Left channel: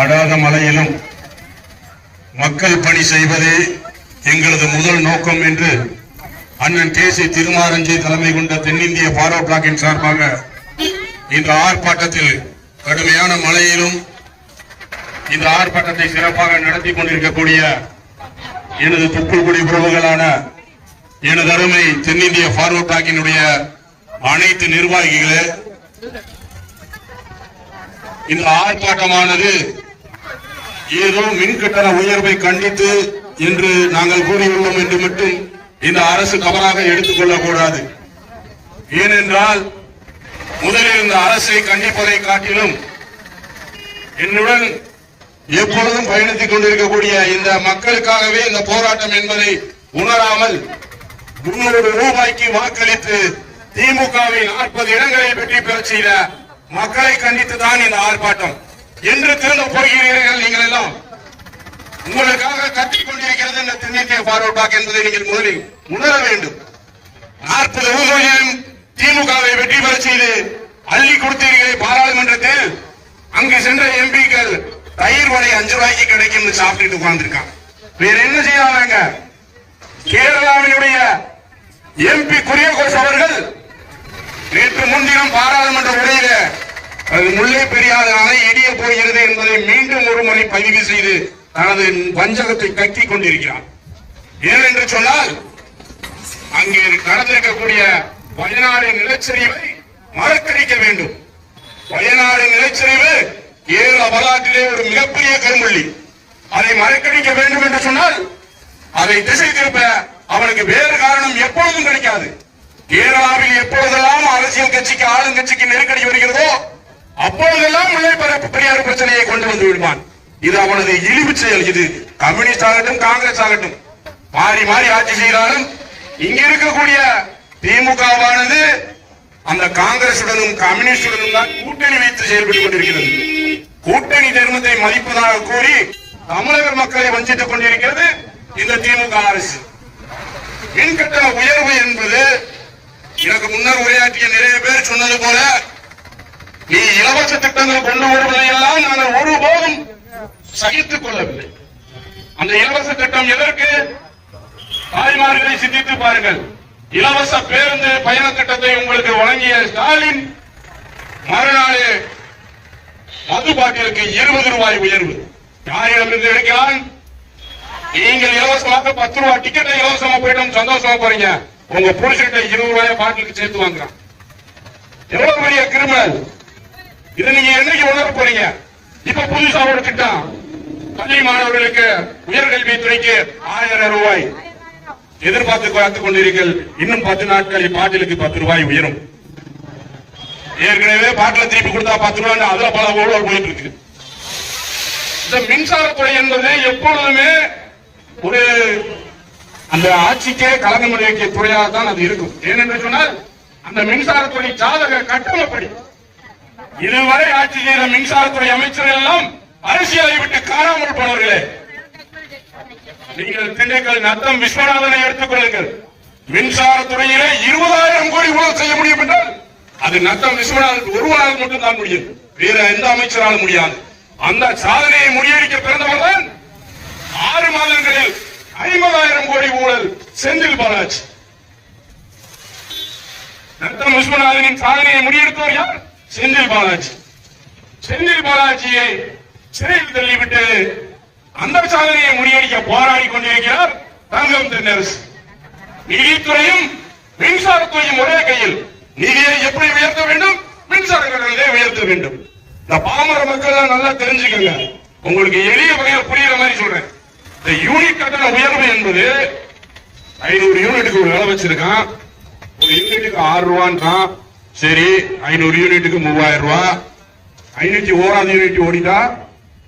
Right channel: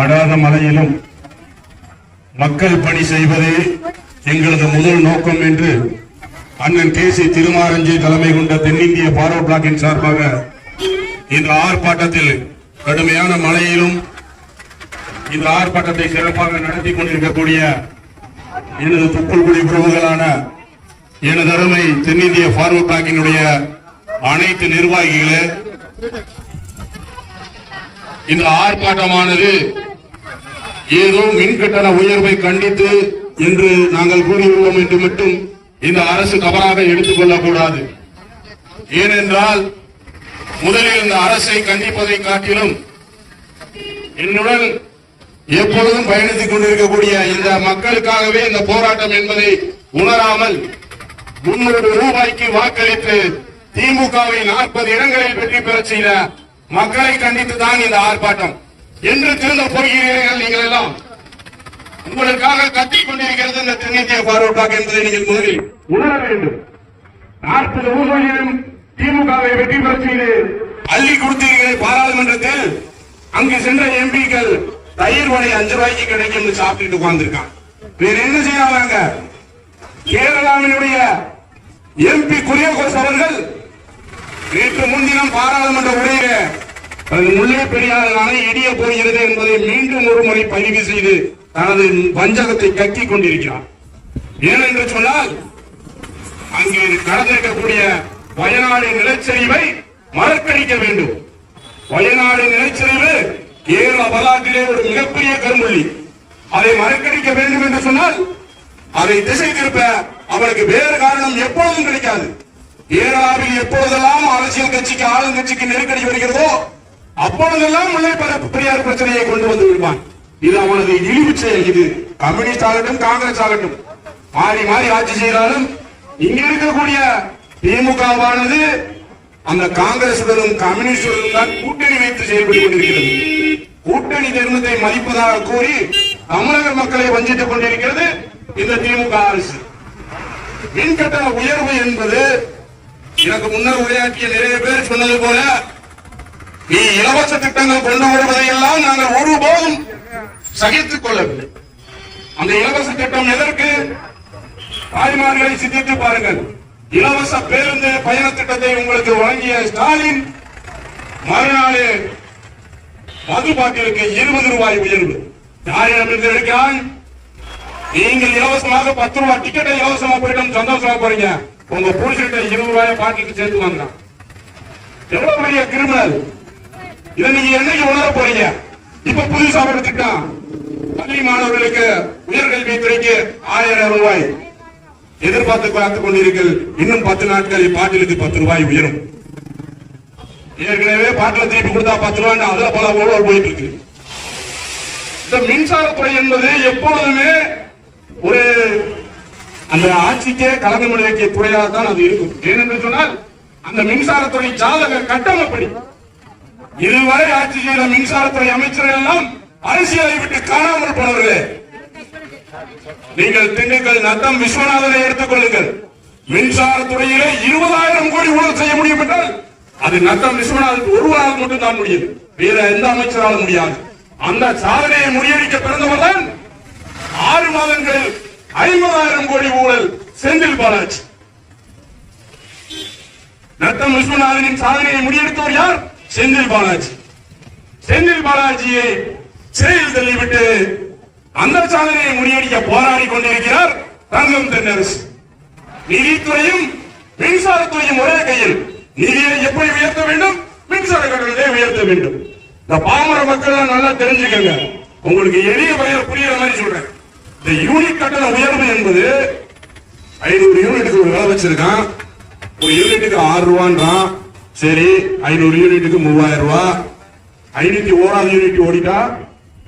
அடாத மழையிலும் மக்கள் பணி செய்வதே எங்களது முதல் நோக்கம் என்று அண்ணன் கே.சி. திருமாரஞ்சி தலைமை கொண்ட தென்னிந்திய ஃபார்வர்ட் பிளாக்கின் சார்பாக இந்த ஆர்ப்பாட்டத்தில் கடுமையான மழையிலும் இந்த ஆர்ப்பாட்டத்தை சிறப்பாக நடத்தி கொண்டிருக்கக்கூடிய எனது துப்புக்குடி குழுக்களான எனது அருமை தென்னிந்திய ஃபார்வர்ட் பிளாக்கினுடைய அனைத்து நிர்வாகிகளே, இந்த ஆர்ப்பாட்டமானது ஏதோ மின்கட்டண உயர்வை கண்டித்து என்று நாங்கள் கூறியுள்ளோம் என்று மட்டும் இந்த அரசு தவறாக எடுத்துக் கொள்ளக்கூடாது. ஏனென்றால் முதலில் இந்த அரசை கண்டிப்பதை காட்டிலும் என்னுடன் எப்பொழுதும் பயணித்துக் கொண்டிருக்கக்கூடிய இந்த மக்களுக்காகவே இந்த போராட்டம் என்பதை உணராமல் 300 ரூபாய்க்கு வாக்களித்து திமுகவை 40 இடங்களில் வெற்றி பெற செய்த மக்களை கண்டித்துதான் இந்த ஆர்ப்பாட்டம். என்று திருந்த போகிறீர்கள் நீங்கள் எல்லாம். உங்களுக்காக கத்திக் கொண்டிருக்கிறது இந்த தென்னிந்திய ஃபார்வர்ட் பிளாக் என்பதை நீங்கள் முதலில் உணர வேண்டும். 40 ஊர்களிலும் திமுகவை வெற்றி பெற செய்து அள்ளி கொடுத்தீர்கள் பாராளுமன்றத்தில். அங்கு சென்ற எம்பிக்கள் தயிர் வடை 5 ரூபாய்க்கு கிடைக்கும் சாப்பிட்டு உட்கார்ந்துருக்காங்க. வேற என்ன செய்யறாங்க? கேரளாவினுடைய எம்பி குரியகோஸ் அவர்கள் நேற்று முன்தினம் பாராளுமன்ற உரையில முல்லை பெரியாறு அணை இடிய போகிறது என்பதை மீண்டும் ஒரு முறை பதிவு செய்து தனது வஞ்சகத்தை கக்கிக் கொண்டிருக்கிறார். ஏனென்று சொன்னால் அங்கு நடந்திருக்கக்கூடிய வயநாடு நிலச்சரிவை மறக்கடிக்க வேண்டும். வயநாடு நிலச்சரிவு கேரள வரலாற்றிலே ஒரு மிகப்பெரிய கரும்புள்ளி. அதை மறக்கடிக்க வேண்டும் என்று சொன்னால் அதை திசை திருப்ப அவனுக்கு வேறு காரணம் எப்பொழுதும் கிடைக்காது. கேரளாவில் எப்பொழுதெல்லாம் அரசியல் கட்சிக்கு ஆளுங்கட்சிக்கு நெருக்கடி வருகிறதோ அப்பொழுதெல்லாம் முல்லை பெரியாறு பிரச்சனையை கொண்டு வந்து விடுவான். இது அவனது இழிவு செயல். இது கம்யூனிஸ்ட் ஆகட்டும் காங்கிரஸ் ஆகட்டும் மாறி மாறி ஆட்சி செய்தாலும் இங்க இருக்கக்கூடிய திமுகவானது அந்த காங்கிரசுடனும் கம்யூனிஸ்டுடனும் தான் கூட்டணி வைத்து செயல்பட்டுக் கொண்டிருக்கிறது. கூட்டணி தர்மத்தை மதிப்பதாக கூறி தமிழக மக்களை வஞ்சித்துக் கொண்டிருக்கிறது இந்த திமுக அரசு. மின்கட்டண உயர்வு என்பது எனக்கு முன்னர் உரையாற்றிய நிறைய பேர் சொன்னது போல நீ இலவச திட்டங்கள் கொண்டு வருவதையெல்லாம் நாங்கள் ஒருபோதும் சகித்துக் கொள்ளவில்லை. அந்த இலவச திட்டம் எதற்கு? தாய்மார்களை சிந்தித்து பாருங்கள். இலவச பேருந்து பயண திட்டத்தை உங்களுக்கு வழங்கிய ஸ்டாலின் மறுநாளே மது பாட்டிலுக்கு 20 ரூபாய் உயர்வு. யாரிடமிருந்து எடுக்கிறான்? நீங்கள் இலவசமாக 10 ரூபாய் டிக்கெட்டை இலவசமா போயிட்டு சந்தோஷமா போறீங்க. உங்க புருஷன்ட்ட 20 ரூபாய் பாட்டிலுக்கு சேர்த்து வாங்குறான். எவ்வளவு பெரிய கிரிமினல்! இதை நீங்க என்னைக்கு உணர போறீங்க? இப்ப புதுசா ஒரு திட்டம், பள்ளி மாணவர்களுக்கு உயர்கல்வித்துறைக்கு 1000 ரூபாய் எதிர்பார்த்து காத்துக் கொண்டிருக்கிறீர்கள். இன்னும் 10 நாட்களில் பாட்டிலுக்கு 10 ரூபாய் உயரும். ஏற்கனவே பாட்டில திருப்பி கொடுத்தா 10 ரூபாய் அதுல பல ஊழல் போயிட்டு இருக்கு. இந்த மின்சாரத்துறை என்பது எப்பொழுதுமே ஒரு அந்த ஆட்சிக்கே களங்கம் விளைவிக்க துறையாக தான் அது இருக்கும். ஏனென்று சொன்னால் அந்த மின்சாரத்துறை ஜாதக கட்டமைப்படி இதுவரை ஆட்சி செய்த மின்சாரத்துறை அமைச்சர்கள் எல்லாம் அரசியலை விட்டு காணாமல் போனவர்களே. நீங்கள் திண்டுக்கல் நத்தம் விஸ்வநாதனை எடுத்துக் கொள்ளுங்கள். மின்சாரத்துறையிலே 20,000 கோடி ஊழல் செய்ய முடியும் என்றால் அது நத்தம் விஸ்வநாதன் ஒருவரால் மட்டும் தான் முடியும். வேற எந்த அமைச்சராலும் முடியாது. அந்த சாதனையை முறியடிக்க பிறந்தவர் தான் 6 மாதங்களில் 50,000 கோடி ஊழல் செந்தில் பாலாஜி. நத்தம் விஸ்வநாதனின் சாதனையை முறியடித்தவர் யார்? செந்தில் பாலாஜி. செந்தில் பாலாஜியை சிறையில் தள்ளிவிட்டு அந்த சாதனையை முறியடிக்க போராடி கொண்டிருக்கிறார் தங்கம் தென்னரசு. நிதித்துறையும் மின்சாரத்துறையும் ஒரே கையில். நிதியை எப்படி உயர்த்த வேண்டும்? மின்சார கட்டணத்தை உயர்த்த வேண்டும். இந்த பாமர மக்கள் நல்லா தெரிஞ்சுக்கங்க. உங்களுக்கு எளிய வகையில் புரியுற மாதிரி சொல்றேன். இந்த யூனிட் கட்டண உயர்வு என்பது 500 யூனிட்டுக்கு ஒரு விலை வச்சிருக்கான். ஒரு யூனிட்டுக்கு 6 ரூபான்றான். சரி, 500 யூனிட்டுக்கு 3000 ரூபாய். 501 யூனிட் ஓடிட்டா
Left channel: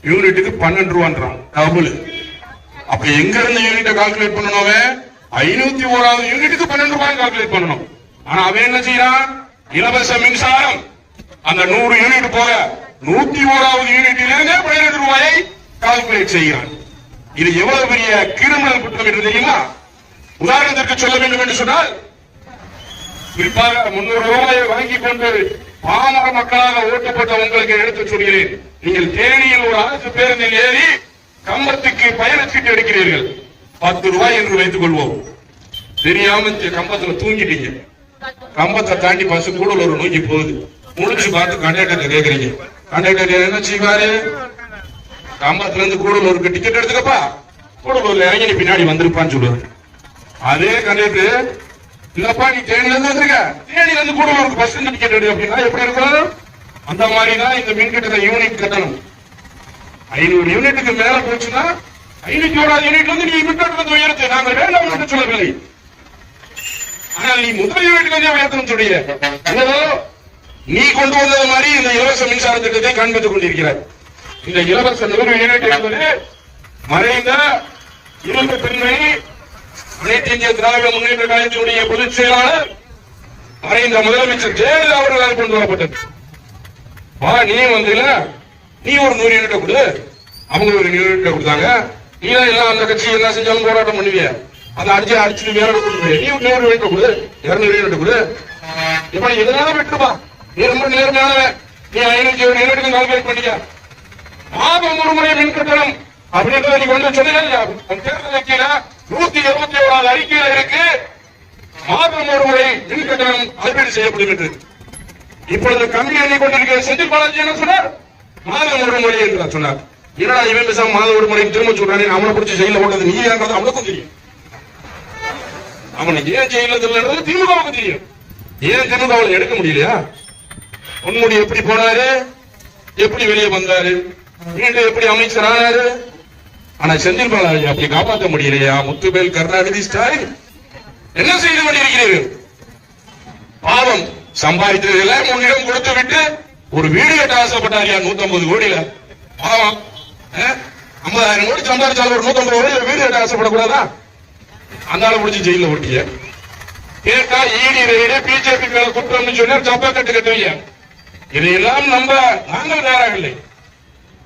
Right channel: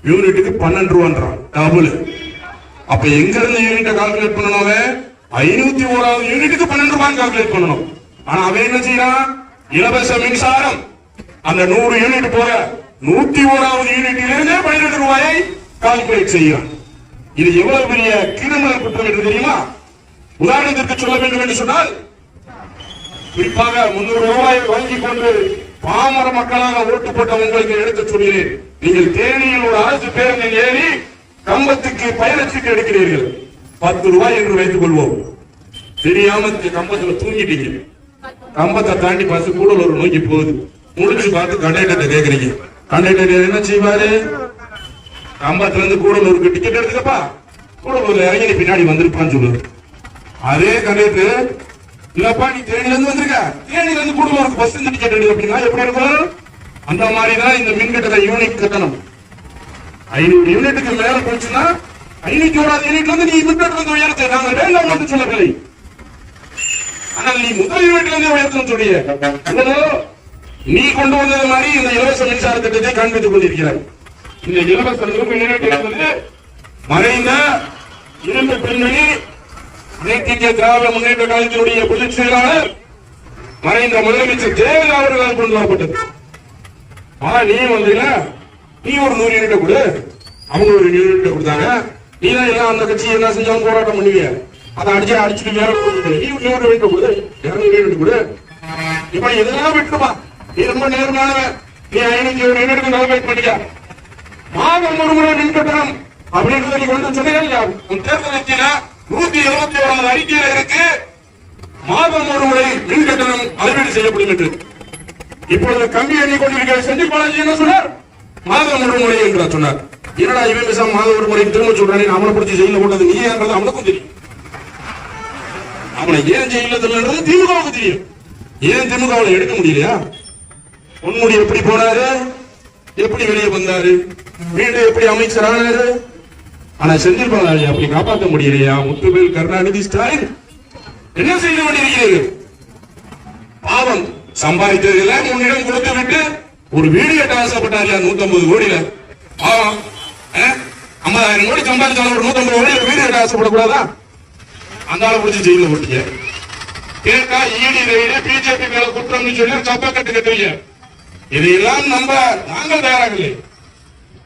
யூனிட்டுக்கு 12 ரூபான்றான். டபுள். அப்ப எங்க இருந்து யூனிட்டை கால்குலேட் பண்ணணும்? 501 யூனிட்டுக்கு 12 ரூபாய் கால்குலேட் பண்ணணும். ஆனா அவன் என்ன செய்யறான்? இலவச மின்சாரம் அந்த 100 யூனிட் போக 101வது யூனிட்டில் இருந்தே 12 ரூபாயை கால்குலேட் செய்கிறான். இது எவ்வளவு பெரிய கிரிமினல் குற்றம் என்று தெரியுமா? உதாரணத்திற்கு சொல்ல வேண்டும் என்று சொன்னால் குறிப்பாக 300 ரூபாயை வாங்கிக் கொண்டு பாமர மக்களாக ஓட்டுப்பட்ட உங்களுக்கு எடுத்து சொல்கிறேன். நீங்கள் தேனியில் ஒரு அரசு பேருந்தில் ஏறி கம்பத்துக்கு பயணச்சீட்டு எடுக்கிறீர்கள். 10 ரூபாய் என்று வைத்துக் கொள்வோம். தெரியாம கம்பத்துல தூங்கிட்டீங்க. கம்பத்தை தாண்டி பஸ் கூடலூர் நோக்கி போகுது. முடிச்சு பார்த்து கண்டக்டர் கேக்குறீங்க. கண்டக்டர் என்ன செய்வாரு? கம்பத்துல இருந்து கூடலூருக்கு டிக்கெட் எடுத்துக்கப்பா, கூடலூர் இறங்கி பின்னாடி வந்திருப்பான்னு சொல்லுவாரு. அதே கண்டக்டர் இல்லப்பா நீ தேனில இருந்து வந்திருக்க, தேனில இருந்து கூடலூருக்கு பஸ் டிக்கெட் எடு அப்படின்னா எப்படி இருக்கும்? அந்த மாதிரிதான் இந்த மின் கட்டண யூனிட் கட்டணம். 500 யூனிட்டுக்கு மேல போச்சுன்னா 501 யூனிட்ல இருந்து நீ மின் கட்டணத்தை உயர்த்து நாங்கள் வேண்டாம் என்று சொல்லவில்லை. ஆனால் நீ முதல் யூனிட்ல இருந்தே உயர்த்தணும் சொல்லிய நீ கொண்டு வந்தது மாதிரி இந்த இலவச மின்சார திட்டத்தை காண்பித்துக் கொண்டிருக்கிறார். இந்த இலவச 100 யூனிட் என்பது மறைந்த இரும்பு பெண்மணி அனைத்து இந்திய திராவிட முன்னேற்ற கழகத்தினுடைய பொதுச் செயலாளர் மறைந்த முதலமைச்சர் ஜெயலலிதா அவர்களால் கொண்டு வரப்பட்டது. நீ வந்தீங்க, நீ ஒரு 100 யூனிட் கொடு, அவங்க ஒரு யூனிட் கொடுத்தாங்க. நீ தான் எல்லாம் அந்த கட்சி என்ன செஞ்சாலும் போராட்டம் பண்ணுவீங்க, அதை அடிச்சுட்டு வேற கொடுத்து நீ 100 யூனிட் கொடு, 200 யூனிட் கொடு. இப்ப இதெல்லாம் விட்டுருப்பா, நீ ரொம்ப நேர்மையானவன், நீ 501 யூனிட்டுக்கு கால்குலேட் பண்ணிக்க. மாதம் ஒரு முறை மின் கட்டணம் அப்படின்றத நீங்க வந்து சொன்னீங்க. உன் தேர்தல் அறிக்கையில 171வது அறிக்கையில இருக்கு, மாதம் ஒரு முறை மின் கட்டணம் அறிவியல் செய்யப்படும் என்று. இப்பொழுது கம்பி எண்ணி கொண்டிருக்கிற செந்தில் பாலாஜி என்ன சொன்னார்? மாதம் ஒரு முறை என்று சொன்னார். என்னடா இவன் மாதம் ஒரு முறை திரும்ப சொல்றாரு, அவனை பிடிச்சி ஜெயில போட்டது நீ ஏன்றது அவனுக்கும் தெரியும். அவனை ஏன் ஜெயில தெரியலன்றது திமுகவுக்கு தெரியும். ஏன் திமுக எடுக்க முடியலையா? பொன்முடி எப்படி போனாரு, எப்படி வெளியே வந்தாரு, மீண்டும் எப்படி அமைச்சரானாரு. ஆனா செந்தில் பாலாஜி அப்படி காப்பாற்ற முடியலையா? முத்துவேல் கருணாநிதி ஸ்டாலின் என்ன செய்து கொண்டிருக்கிறீர்கள்? பாவம் சம்பாதித்ததுல முன்னிடம் கொடுத்து விட்டு ஒரு வீடு கட்ட ஆசைப்பட்டாரியா 150 கோடியில. பாவம் 50,000 கோடி சம்பாதிச்சாலும் ஒரு 150 கோடி வீடு கட்ட ஆசைப்படக்கூடாதா? அந்த ஆளை பிடிச்சி ஜெயில ஓட்டிய கேட்டா ஈடி ரைடு பிஜேபி மேல குற்றம் சொல்லி சப்பா கட்டு கட்டுவீங்க. இதையெல்லாம் நம்ப நாங்கள் தயாராகவில்லை.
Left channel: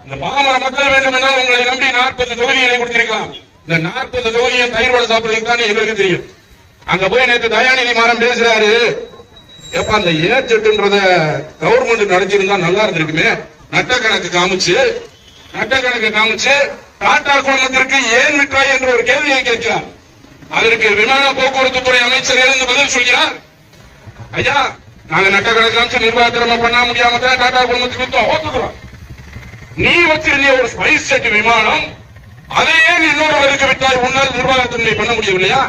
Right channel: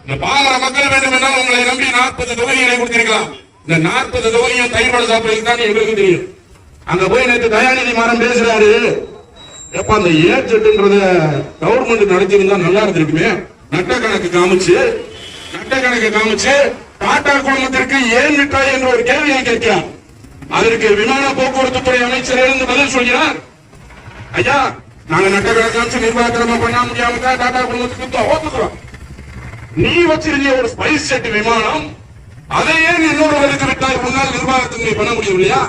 இந்த பாமர மக்கள் வேண்டும் என்றால் உங்களை நம்பி 40 தொகுதிகளை கொடுத்திருக்கலாம். இந்த 40 தொகுதியும் தயிர்வடை சாப்பிடுறதுக்கு தான் எங்களுக்கு தெரியும். அங்க போய் நேற்று தயாநிதி மாறன் பேசுறாரு, எப்ப அந்த ஏஜென்ட்ன்றத கவர்மெண்ட் நடத்திருந்தா நல்லா இருந்திருக்குமே. நட்ட கணக்கு காமிச்சு டாடா குழுமத்திற்கு ஏன் விட்டாய் என்ற ஒரு கேள்வியை கேட்கிறார். அதற்கு விமான போக்குவரத்து துறை அமைச்சர் இருந்து பதில் சொல்கிறார், ஐயா நாங்க நட்ட கணக்கு காமிச்சு நிர்வாகத்திறமை பண்ண முடியாம தான் டாடா குழுமத்துக்கு ஓத்துக்கிறோம். நீ வச்சிருந்த ஒரு ஸ்பைஸ் ஜெட் விமானம் அதையே இன்னொருவருக்கு விட்டாய், உன்னால் நிர்வாகத்தின்மை பண்ண முடியவில்லையா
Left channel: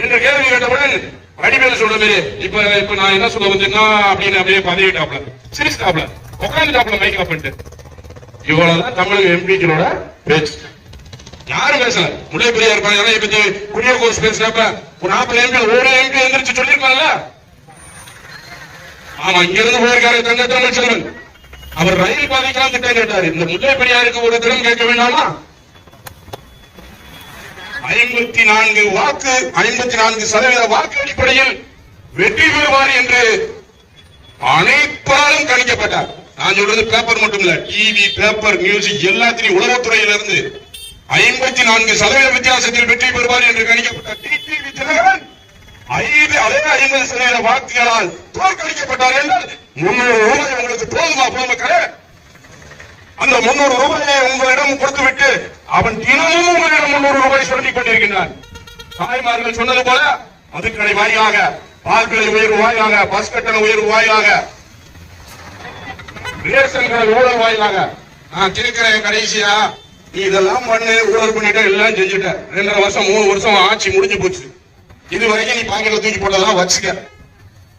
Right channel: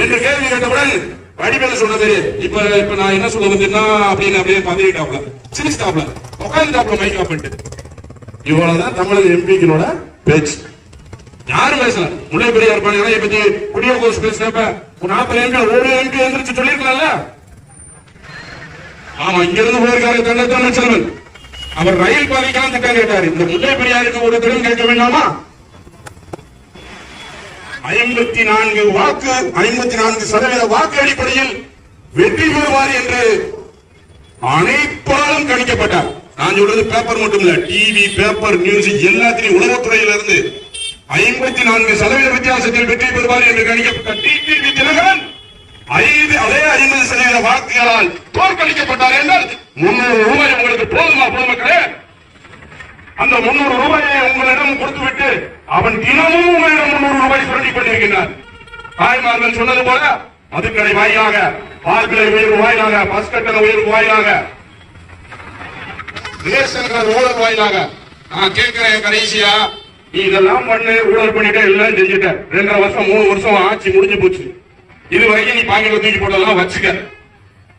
என்று கேள்வி கேட்டவுடன் வடிவேலு சொன்ன மாதிரி இப்ப நான் என்ன சொல்ல வந்தேன்னா அப்படின்னு அப்படியே பதவிட்டாப்ல சிரிச்சாப்ல உட்காந்துட்டாப்ல மைக் பண்ணிட்டு. இவ்வளவுதான் தமிழக எம்பிக்களோட பேச்சு. யாரும் பேசல. முல்லை பெரியார் பத்தி குடியோகோஸ் பேசுறப்ப ஒரு 40 எம்பி ஒரு எம்பி எந்திரிச்சு சொல்லிருக்கலாம்ல. ஆமா, இங்க இருந்து போயிருக்காரு தங்கத்தமிழ் செல்வன். அவர் ரயில் பாதைக்கான திட்டம் கேட்டார். இந்த முல்லை பெரியாருக்கு ஒரு திட்டம் கேட்க வேண்டாமா? 54% வாக்கு அடிப்படையில் வெற்றி பெறுவார் என்று அனைத்தாலும் கணிக்கப்பட்டார். நான் சொல்றது பேப்பர் மட்டும் இல்ல, டிவி பேப்பர் நியூஸ் எல்லாத்திலையும் உளவுத்துறையில இருந்து 54% வித்தியாசத்தில் வெற்றி பெறுவார் என்று கணிக்கப்பட்ட டிடிவி தினகரன் அதே 50% வாக்குகளால் தோற்கடிக்கப்பட்டார் என்றால் 300 ரூபாய் உங்களுக்கு போதுமா பொதுமக்களே? அந்த 300 ரூபாயை உங்களிடம் கொடுத்துவிட்டு அவன் தினமும் உங்களிடம் 300 ரூபாய் சொல்லி கொண்டிருக்கிறார். தாய்மார்கள் சொன்னது போல மதுக்கடை வாயிலாக, பால்கடை உயர்வு வாயிலாக, பஸ் கட்டண உயர்வு வாயிலாக, ரேஷன் கார்டு ஊழல் வாயிலாக. நான் கேட்கிறேன், கடைசியா நீ இதெல்லாம் பண்ணு, ஊழல் பண்ணிட்ட, எல்லாம் செஞ்சுட்ட, 2.5 வருஷம் 3 வருஷம் ஆட்சி முடிஞ்சு போச்சு. இதுவரைக்கும் நீ பாக்கெட்ல தூக்கி போட்டதெல்லாம் வச்சுக்க,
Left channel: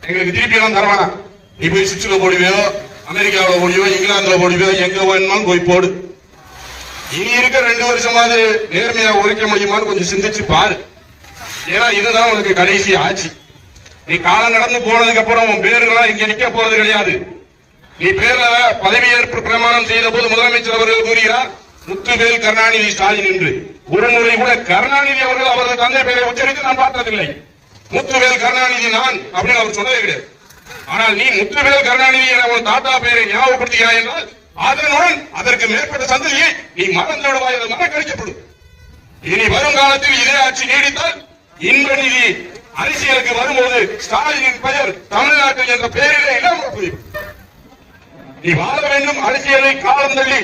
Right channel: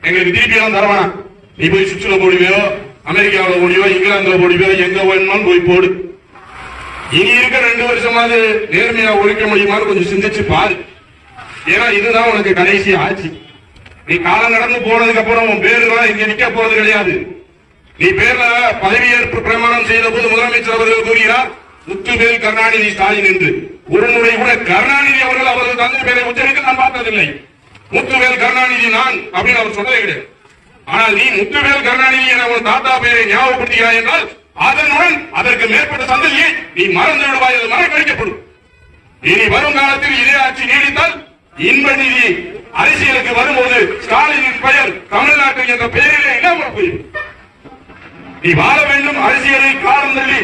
எங்களுக்கு திருப்பி எல்லாம் தரவானா. நீ போய் சுவிட்சர்ல போடுவியோ, அமெரிக்காவில் போடுவியோ, இங்கிலாந்துல போடுவியோ, எங்க வேணுமாலும் போய் போடு. இனி இருக்க 2 வருஷமாவது நேர்மையா ஒழிக்க முடியுமான்னு கொஞ்சம் சிந்திச்சு பாரு. ஏன்னா இதுதான் உனக்கு கடைசி ஆட்சி. நீ காலம் கடந்து போனதுக்கு அப்புறம் உன் பேருலாம் இங்க நிக்க போறது கிடையாது. நீ பேர்ல பதவியேற்பு பிரமாணம் செய்த போது முதலமைச்சர் அவர்கள் கூறுகிறார் முத்துவேல் கருணாநிதி ஸ்டாலின் என்று. ஒரு முறை கூட கருணாநிதி அவர்கள் அவரது தந்தை பேரை உச்சரிக்க நான் பார்த்ததில்லை. முத்துவேல் கருணாநிதி நான் அப்படின்னு அவர் சொன்னதே கிடையாது. ஆனால் நீ முத்துவேல் கருணாநிதி என உன் தாத்தா பேரை ஞாபகப்படுத்துகிறாய் என்றால் அதனுடன் அதற்கு மேற்பட்ட சந்ததியை நீ மறந்து விடுவாய், அது மறக்கடிக்கப்படும். இனி வரும் காலத்தில் இதே ஆட்சி நீடித்தால் இன்ப நிதி அரசியலுக்கு வரும்போது ஸ்டாலினின் பெயர் தமிழ்நாட்டில் என்ற பெயரிலே இல்லாமல் போய்விடும். நீ வாழ வேண்டும், அரசியலை காலம் தள்ளி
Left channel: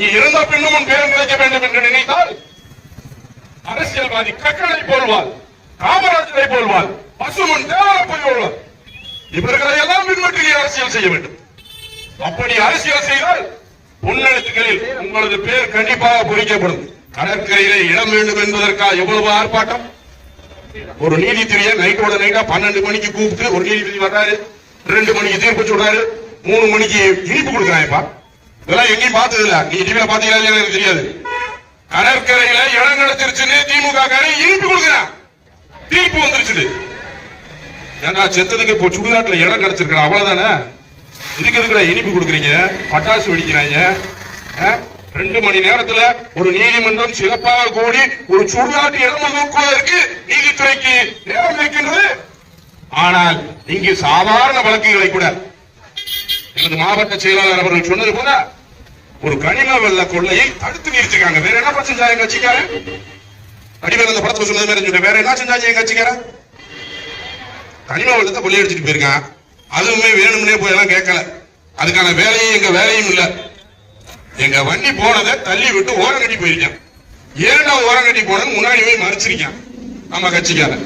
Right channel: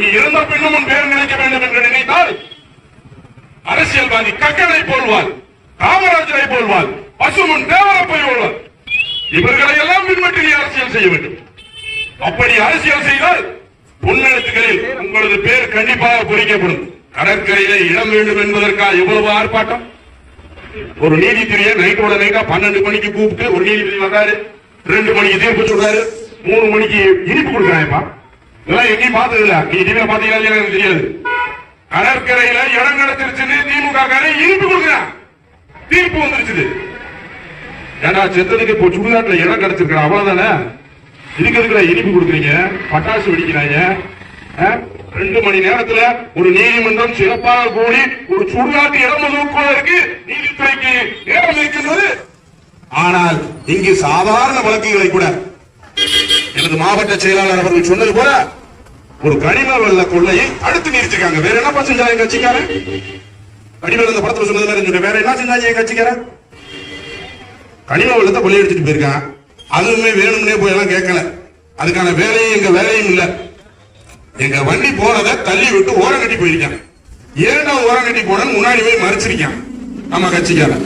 நீ இறந்த பின்னும் உன் பேர் நினைக்க வேண்டும் என்று நினைத்தால் அரசியல்வாதி கக்கனை போல்வார், காமராஜரை போல்வார், பசுமன் தேவரை போல்வார். இவர்களை எல்லாம் பின்பற்றி அரசியல் செய்ய வேண்டும். அப்படி அரசியல் செய்தால் பொன்னெழுத்துக்களில் உங்களது பேர் கண்டிப்பாக பொறிக்கப்படும். கடற்கரையிலே இடம் வேண்டும் என்பதற்காக எவ்வளவு ஆர்ப்பாட்டம். ஒரு நீதிபதியை நைட்டோட நைட்டா 12 மணிக்கு கூப்பிட்டு ஒரு நீதிபதி வர்றாரு, 2 மணிக்கு தீர்ப்பு சொல்றாரு, 3 மணிக்கு இனிப்பு கொடுக்குறாங்கப்பா. இதெல்லாம் எங்கேயும் பார்த்தது இல்ல. நீ டிவியில பாத்தீங்களா எனக்கு தெரியாது. கடற்கரையில இடம் கிடைச்சிருச்சுன்னு திமுக இனிப்பு கொடுக்குறான், தீர்ப்பு வந்துருச்சு. ஏன்னா செத்ததுக்கு இப்போ சுடுகாட்டுல இடம் கிடைச்சிருக்கா, அவ்வளவுதானே. இருக்கிறதுக்குள்ள இனிப்பு கொடுக்குறீங்க, பட்டாசு வெடிக்கிறாங்க. 2 மணி நேரத்துல ஒரு நீதிமன்றம் சிறப்பாக கூடி ஒரு சுடுகாட்டு இடம் ஒதுக்குவதற்கு நீதித்துறைக்கு நேரம் இருக்கின்றது. ஆனால் இங்கு சாதாரண வழக்குகளை கூட எனது மாவட்ட செயலாளர் அவர்கள் சொன்னது போல ஒரு கனிம வெள்ள கொள்ளையை தடுத்து நிறுத்திருக்காங்க. வேற என்ன செஞ்சாங்க எங்க கட்சிக்காரன்? அடிவேல் அந்த படத்துல சொன்னது மாதிரி வேற என்ன செஞ்சாங்க எங்க கட்சிக்காரன்? கனிம வெள்ளத்தை கொள்ளையடிச்சிட்டு போயிருக்கான். அதுவுமே வேணும்னே போய் எல்லாம் கேட்கல. அதுக்கான வேலையும் எங்க வேலையும் இல்ல. எங்க வண்டி போனதை தள்ளி விட்டு ஓரம் கட்டி போயிருக்கான். ஏன்னா ஓரம் கட்டி போனது முன்னாடி போய் மறைச்சிருக்கான். நம்ம கட்சிக்காரன்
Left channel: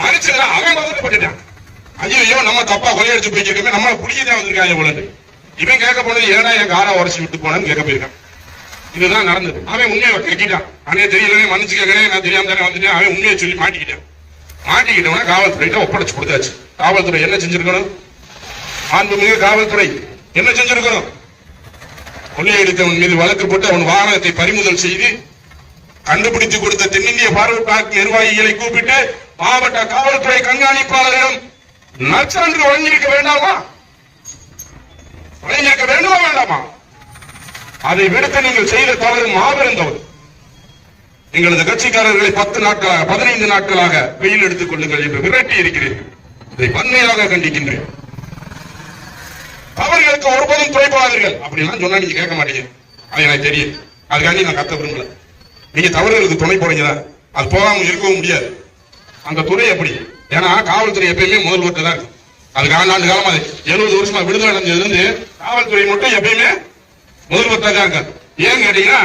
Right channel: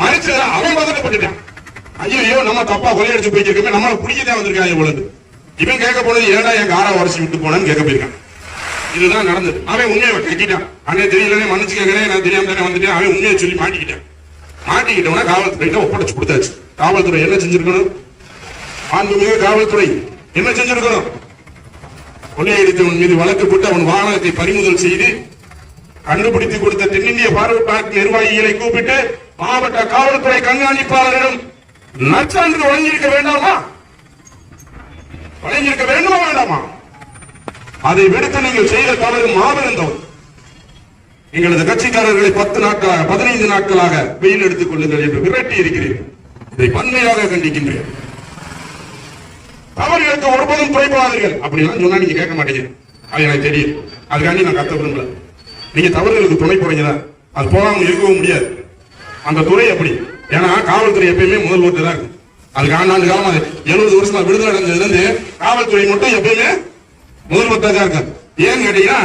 மறைச்சத அவன் பதட்டப்பட்டுட்டான். ஐயோ நம்ம தப்பா கொள்ளையடிச்சு போயிருக்கோமே, நம்மள பிடிக்கதான் வந்திருக்காங்க போலன்னு. இவன் கேட்க போனது ஏன்னா என் காரை உரைச்சி விட்டு போனான்னு கேட்க போயிருக்கான். இதுதான் நடந்தது. அவன் உண்மையை கட்டிட்டான். அண்ணே தெரியலனே மன்னிச்சுக்கே, நான் தெரியாம தானே வந்துட்டேன். அவன் உண்மையை சொல்லி மாட்டிக்கிட்டான். மாட்டிக்கிட்டவன காவல்துறையிட்ட ஒப்படைச்சு கொடுத்தாச்சு. காவல்துறை என்ன செஞ்சிருக்கணும்? மாண்புமிகு காவல்துறை என்ன செஞ்சிருக்கணும்? கொள்ளையடித்தவன் மீது வழக்கு போட்டு அவன் வாகனத்தை பறிமுதல் செய்து கண்டுபிடித்து கொடுத்த தென்னிந்திய பார்வை பார்க் நிர்வாகிகளை கூப்பிட்டு மாவட்ட காவல்துறை கண்காணிப்பாளரிடம் நற்சான்று வழங்கியிருக்க வேண்டாமா? வழங்கியிருக்க வேண்டுமா வேண்டாமா? அதை விடுத்து நீங்கள் செய்த தவறு மாபெரும் தவறு. எங்களது கட்சிக்காரர்களை 15 நாட்களாக வெயில் எடுத்துக் கொள்ளுங்கள் என்று விரட்டி இருக்கிறீர்கள். இதை வன்மையாக கண்டிக்கின்றேன். தவறுகளுக்கு ஒருபோதும் துறைப்பாதீர்கள். அப்படிலாம் சொன்னா நீங்க கேட்க மாட்டீங்க, அது எனக்கு தெரியும். அதுக்காண்டி நான் கத்த விரும்பல. நீங்க தவறுகளுக்கு துணை போறீங்களா, அது போகாம இருக்கவும் முடியாது. அந்த துறை அப்படி. ஏன்னா காவல்துறை எப்பயுமே முதல்வர்கிட்ட தான் இருக்கு. அதுக்கு ஆண்டு காலமா 70 வருஷமா விடுதலை அடைஞ்சதுல இருந்து காவல்துறை மட்டும் எப்பயுமே முதல்வர்கிட்ட தான் இருக்காங்க. ஏன் கேட்டீங்கன்னா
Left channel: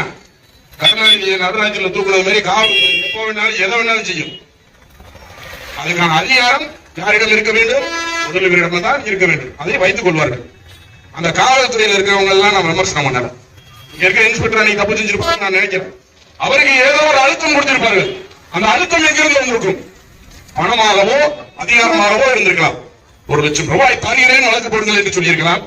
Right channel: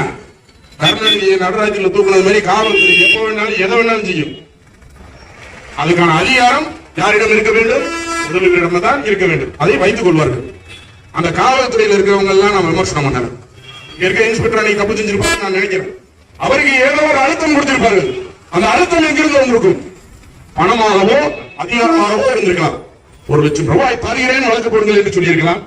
கருணாநிதியை நடராஜ்ல தூக்குனது மாதிரி காவல்துறை எப்ப வேணாலும் எதை வேணாலும் செய்யும். அதுக்கான அதிகாரம் யாரிடம் இருக்க வேண்டும்? முதல்வரிடம் தான் இருக்க வேண்டும். அதை வைத்துக் கொள்வார்கள். அந்த காவல்துறையில் இருக்கிறவங்க எல்லாம் நான் விமர்சனம் பண்ணல. இங்க இருக்க இன்ஸ்பெக்டர் அன்னைக்கு தப்பு செஞ்சிருப்பாங்க நான் நினைக்கிறேன். அவருக்கு ஏதோ ஒரு அழுத்தம் கொடுத்திருப்பார்கள். அந்த அழுத்தம் எங்கிருந்து வந்திருக்கும்? பணமாகவோ அதிகாரமாகவோ இருந்திருக்கலாம். 1 லட்சம் ரூபாய் தருகிறேன் வழக்கு போடுங்கள் என்று சொல்லியிருக்கலாம்.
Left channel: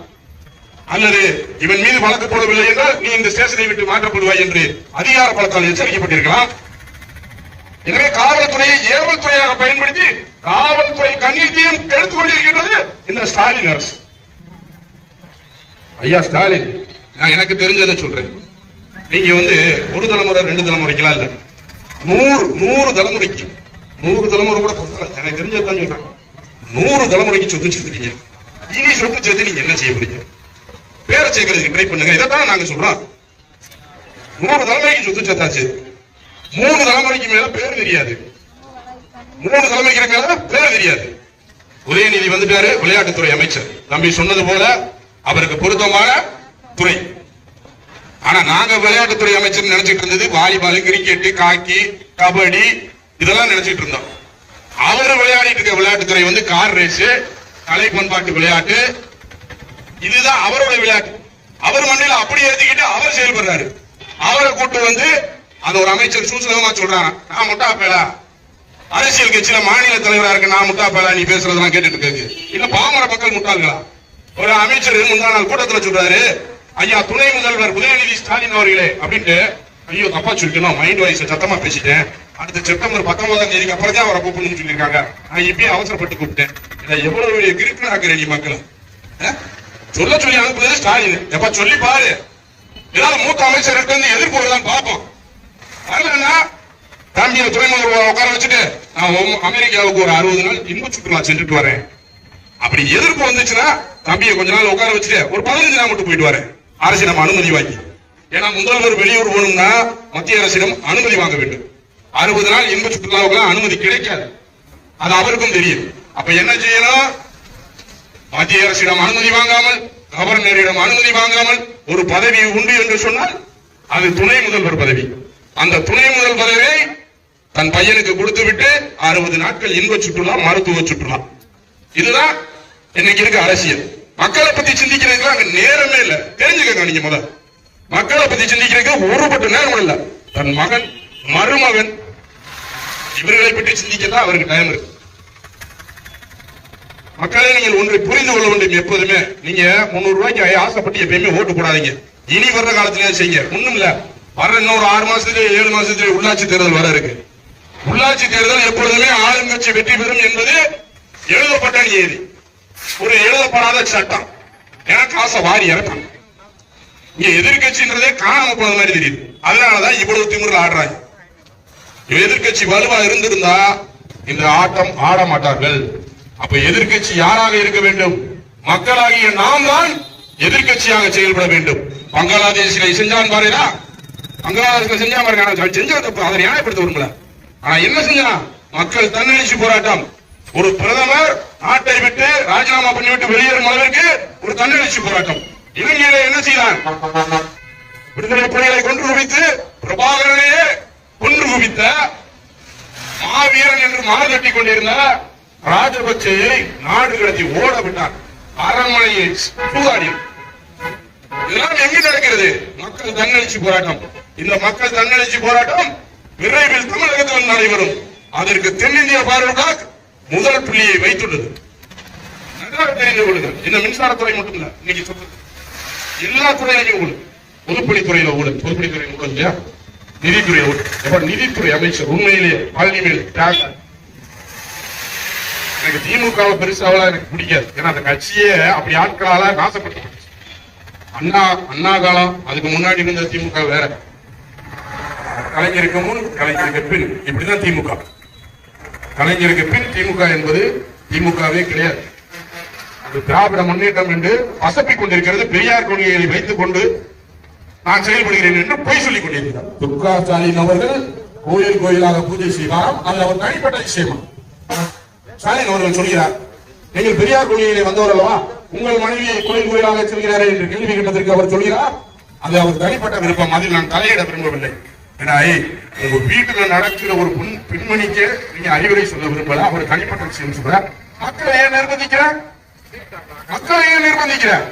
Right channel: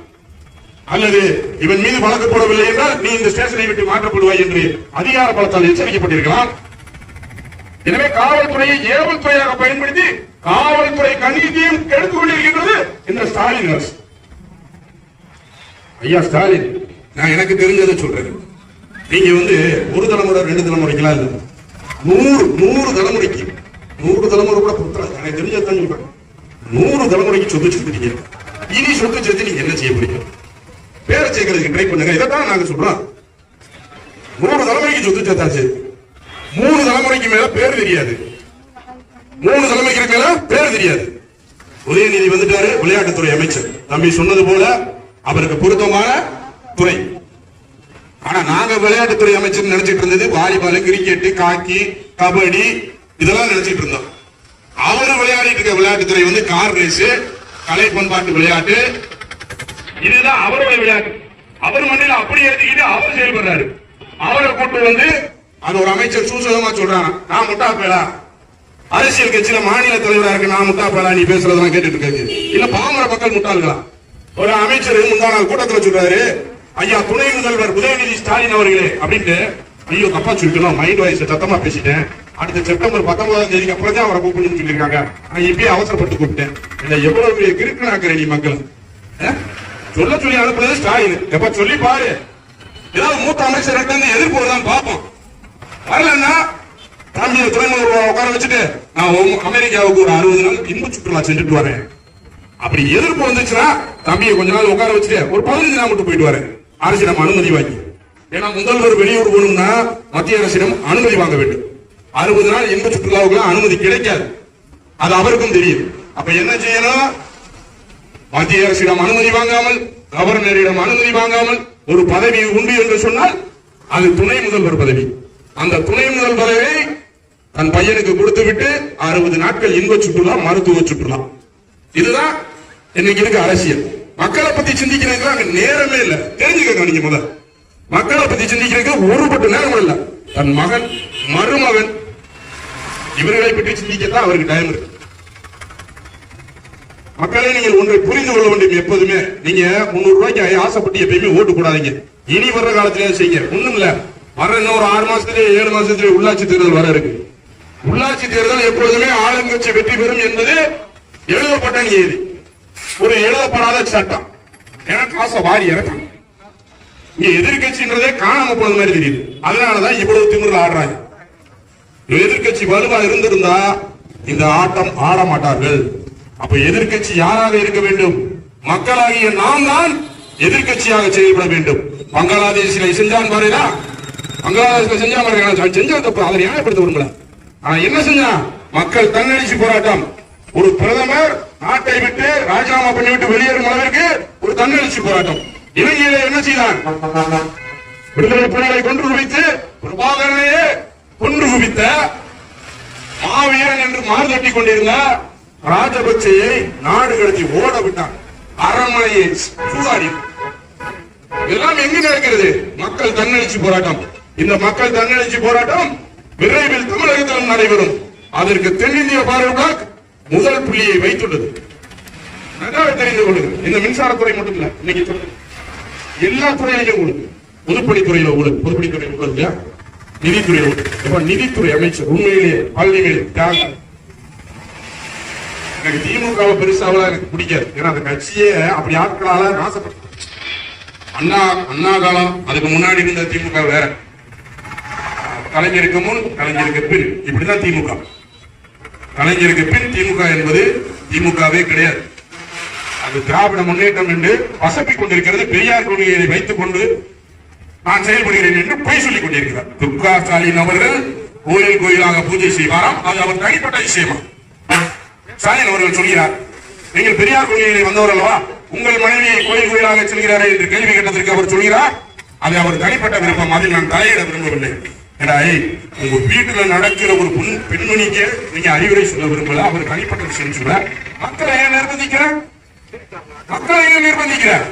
அல்லது இவன் மீது வழக்கு போடவில்லை என்றால் நீ இந்த ஸ்டேஷனை விட்டு மாற்றப்படுவாய் என்று அதிகார பலத்தால் எச்சரிக்கப்பட்டிருக்கலாம். எனவே காவல்துறையை ஏவல் துறையாக பயன்படுத்தி காவல்துறை கண்ணீர்த்தையும் கெடுத்துக் கொண்டிருக்கின்றது இந்த ஸ்டாலின் அரசு. ஐயா ஸ்டாலின், நான் எனக்கு தெரிஞ்சதை சொல்றேன். நீங்க ஒரு தலைமுறை 2 தலைமுறைக்கெல்லாம் இல்ல, 100 தலைமுறைக்கு 100 தலைமுறை கூட பொறுத்தல. எனக்கு தெரிஞ்சதான் சொல்றேன். 100 தலைமுறைக்கு சொத்து சேர்த்துட்டீங்க. இனி சொத்து சேர்த்து நீங்க என்ன செய்ய முடியும்? பேரை சேர்க்கறதுக்கு ட்ரை பண்ணுங்க. இதைத்தான் நாங்க சொல்றோம். 100 தலைமுறைக்கு சொத்து சேர்த்தாச்சு. 3 தலைமுறைக்கு மேல பேர் தெரியாது. 3 தலைமுறைக்கு மேல பேர் தெரியாது. உதயநிதி வந்துட்டாரு, விளையாட்டுத்துறை அமைச்சர். தம்பி சொன்னது போல அவருக்கு பொருத்தமான துறை. ஆனா நாங்க விளையாட்டுத்துறை அமைச்சர் நினைச்சிட்டு இருந்தது வாலிபால், கிரிக்கெட், காக்கி, கபடி இதெல்லாம் நினைச்சிட்டு இருந்தோம். அவரு விளையாடிட்டு இருக்க விளையாட்டுத்துறை கார் ரேஸ், கலை பண்பாட்டு விளையாட்டு, இதுதான் அவரோட விளையாட்டு. அவர் மண்ணில அப்படி எழுதிக்கிட்டு அவர் செயல்படுறாரு. அவரை கூட்டு அந்த ஒரு அமைச்சர் சூசகமா சொல்றாங்க, நான் முட்டா பேலா, அரசியல் கட்சியில மாநில தலைவரா இருக்கு, நான் முட்டா பேலா நீ பேசுறதெல்லாம் கேட்டுட்டு இருக்கு. இல்ல பாமர மக்கள் முட்டாள்களா? ஒரு அமைச்சர் முந்தா நாள் கூட்டத்தில் சொல்றாரு, ஐயா துணை முதல்வர் உதயநிதி ஸ்டாலின் அவர்களே அப்படின்ட்டு. ஐயோ தப்பா சொல்லிக்கணும், மைண்ட் வாய்ஸ் சத்தமா பேசிட்டேன். அடுத்த செப்டம்பர் 19ஆம் தேதிக்கு அப்புறம் தான் அவரை கூப்பிடணும்னு சொல்லியிருக்காங்க. நான் இப்பயே அவசரப்பட்டு கூப்பிட்டேன். எவ்வளவு கிரிக்கெட் ஆக்குறேன் நீ மக்கள் சொல்ல சொல்லி அனுப்புறது ஸ்டாலின். எப்ப சொல்லி பாரு, ஏதாவது மூத்த அமைச்சர்கிட்ட இருந்து எதிர்ப்பு வருதான் பார்ப்போம். வரலன்னா தம்பியை துறைமுக உட்கார வச்சுட்டு நான் அமெரிக்காவுக்கு ஒரு 60 நாள் இன்ப சுற்றுலா சென்றுட்டு வரேன். அப்படி எதிர்ப்பு வந்துச்சுன்னா தம்பியை கொஞ்ச நாள் உட்கார வச்சுட்டு ஒரு 15 நாள் மட்டும் போயிட்டு வரேன். அரசிடம் அனுமதி வாங்கி. ஏன்னா முதல்வர் வெளியூர் போகணும்னா மத்திய அரசிடம் அனுமதி வாங்க வேண்டும். 60 நாள் இன்ப சுற்றுலாவுக்கு அனுமதி கிடைக்காது. அது அவருக்கும் தெரியும். அப்ப என்ன செய்யணும்? மத்திய அரசிடம் அனுமதி வாங்காமல், கவர்னரிடம் அனுமதி வாங்காமல் ஒரு பதவி உண்டு என்று சொன்னால் அது துணை முதல்வர் பதவி. அந்த துணை முதல் பதவியை தன் பையனுக்கு கொடுத்து விட்டு 60 நாட்கள் இன்ப சுற்றுலா, மருத்துவ சுற்றுலா. இதுதான் இன்னைக்கு இருக்க அரசியல். மக்களை பத்தி சிந்திக்கிறதுக்கு நேரமே இல்ல. தெரிஞ்சுக்க நீங்க முதல் மக்களை பத்தி சிந்திக்கிறதுக்கு ஒருபட்டு நேரம் இல்ல. தன் மகன், மருமகன் இவர்களை பற்றி சிந்திக்கத்தான் அவருக்கு டைம் இருக்கு. மக்களை நீங்கள் ஒன்றை புரிந்து கொள்ள வேண்டும். எப்போதுமே நீங்க 300 ரூபாய்க்கு ஆசைப்பட்டு எப்பயுமே ஓட்டு போடாதீங்க. இனி வர்ற காலத்திலே செய்ய ஒண்ணும் இல்ல. வர இன்னொரு 6 மாசத்திலே 7 மாசத்திலே உள்ளாட்சி தேர்தல் வர இருக்கு. உள்ளாட்சி தேர்தல் எப்பொழுதுமே ஆளுங்கட்சி வெற்றி பெறும் என்பது எழுதப்பட்ட நியதி, ஒரு எழுதப்படாத சட்டம். ஏன்னா காசை வாரி இறக்கும். இங்க எதிர்கட்சின்றதே காணாம போன மாதிரி தெரியுது. அதனாலதான் இவ்வளவு திமிர்ல ஆடுறாங்க. எதிர்கட்சி வலுவா இருந்திருந்தா இந்த ஆட்டம் ஆட மாட்டார்கள். அப்ப எதிர்கட்சி யாராக இருக்க வேண்டும்? மக்களாகிய நாம் தான் எதிர்கட்சியாக செயல்பட வேண்டும். பங்களாதேஷில் செஞ்சான் பாருடா, பங்களாதேஷில் செஞ்சா பாருங்க, செஞ்ச தப்பு அதை நியாயப்படுத்த விரும்பல. ஆனா என்ன செஞ்சா? மக்கள் தன்னெழுச்சி போராட்டம். ஒரு பிரதமர் நாட்டை விட்டு ராஜினாமா பண்ணிவிட்டு வெளியேறும் அளவிற்கு ஒரு தன்னெழுச்சி போராட்டம். இலங்கையில என்ன செய்தார்? விடுதலை புலிகளை கொன்று குவித்து பிரபாகரனையே கொன்று குவித்த மாவீரன் என்று மாறுதட்டி கொண்டிருந்த ராஜபக்சேயை நாடு கடத்தி ஓட விட்டார். அரண்மனையை சூதாடி. இதெல்லாம் எங்கு நடக்கிறது? மக்கள் தன்னெழுச்சி போராட்டம். இந்த மக்கள் தன்னெழுச்சி போராட்டம் விரைவில் தமிழகத்தில் நடைபெறும். அதற்கு தென்னிந்திய பார்வையாளர் முதல் புள்ளியை வைத்துள்ளது. நன்றாக தெரிந்து கொள்ளுங்கள். இந்த மின்சாரத்துறை மட்டும் இல்ல, இன்னைக்கு சொல்றது எல்லா துறையிலும் ஊழல். பொதுப்பணித்துறையில ஊழல், பொதுப்பணித்துறை ஊழல் இல்லையா? நிதித்துறை ஊழல். நிதித்துறை அமைச்சர் உண்மையிலேயே பள்ளிகளில் எனக்கு திமுக பெருசாவெல்லாம் எனக்கு பிடிக்காது. ஏன்னா அந்த கட்சியே அப்படி ஆட்களால நாசப்பட்டு அண்ணா காலம், அதுக்கு முன்னாடி இருந்த திமுக வேற. கலைஞருக்கு முன், கலைஞருக்கு பின், இப்படிதான் திமுக. கலைஞருக்கு பின் திமுக என்பது திமுகவே கிடையாது. அது திராவிட முன்னேற்றம் என்று வசப்பிக் கொண்டிருக்கிறது. பெரியார் கொள்கையை வைத்துக் கொண்டு நான் செயல்படுகிறேன் என்று பொய் சொல்லிக் கொண்டிருக்கிறார். துர்கா ஸ்டாலின் அவர்கள் கோயில் கோயிலாக பூஜை செய்வாராம். அது அவர் தனிப்பட்ட விஷயமா? ஸ்டாலின் அவர்கள் சொல்கிறார், நீங்கள் பெரியார் கொள்கையை வந்தவர்களா, உங்கள் மனைவியை கோயில் கோயிலாக செல்கிறாரே என்று கேள்வி கேட்டதற்கு அவர் சொல்கிறார், அது அவர் தனிப்பட்ட விருப்பம், அதில் நான் தலையிட விரும்பவில்லை. உங்க வீட்டுல நடக்கிற ஒரு பெண்மணிக்கு நீங்க அறிவுரை சொல்ல விரும்பல, அவர் தனிப்பட்ட விஷயம் சொல்றார். மக்களை ஏன் நிர்பந்திக்கிறார்? மக்களை ஏன் நிர்பந்திக்கிறார்?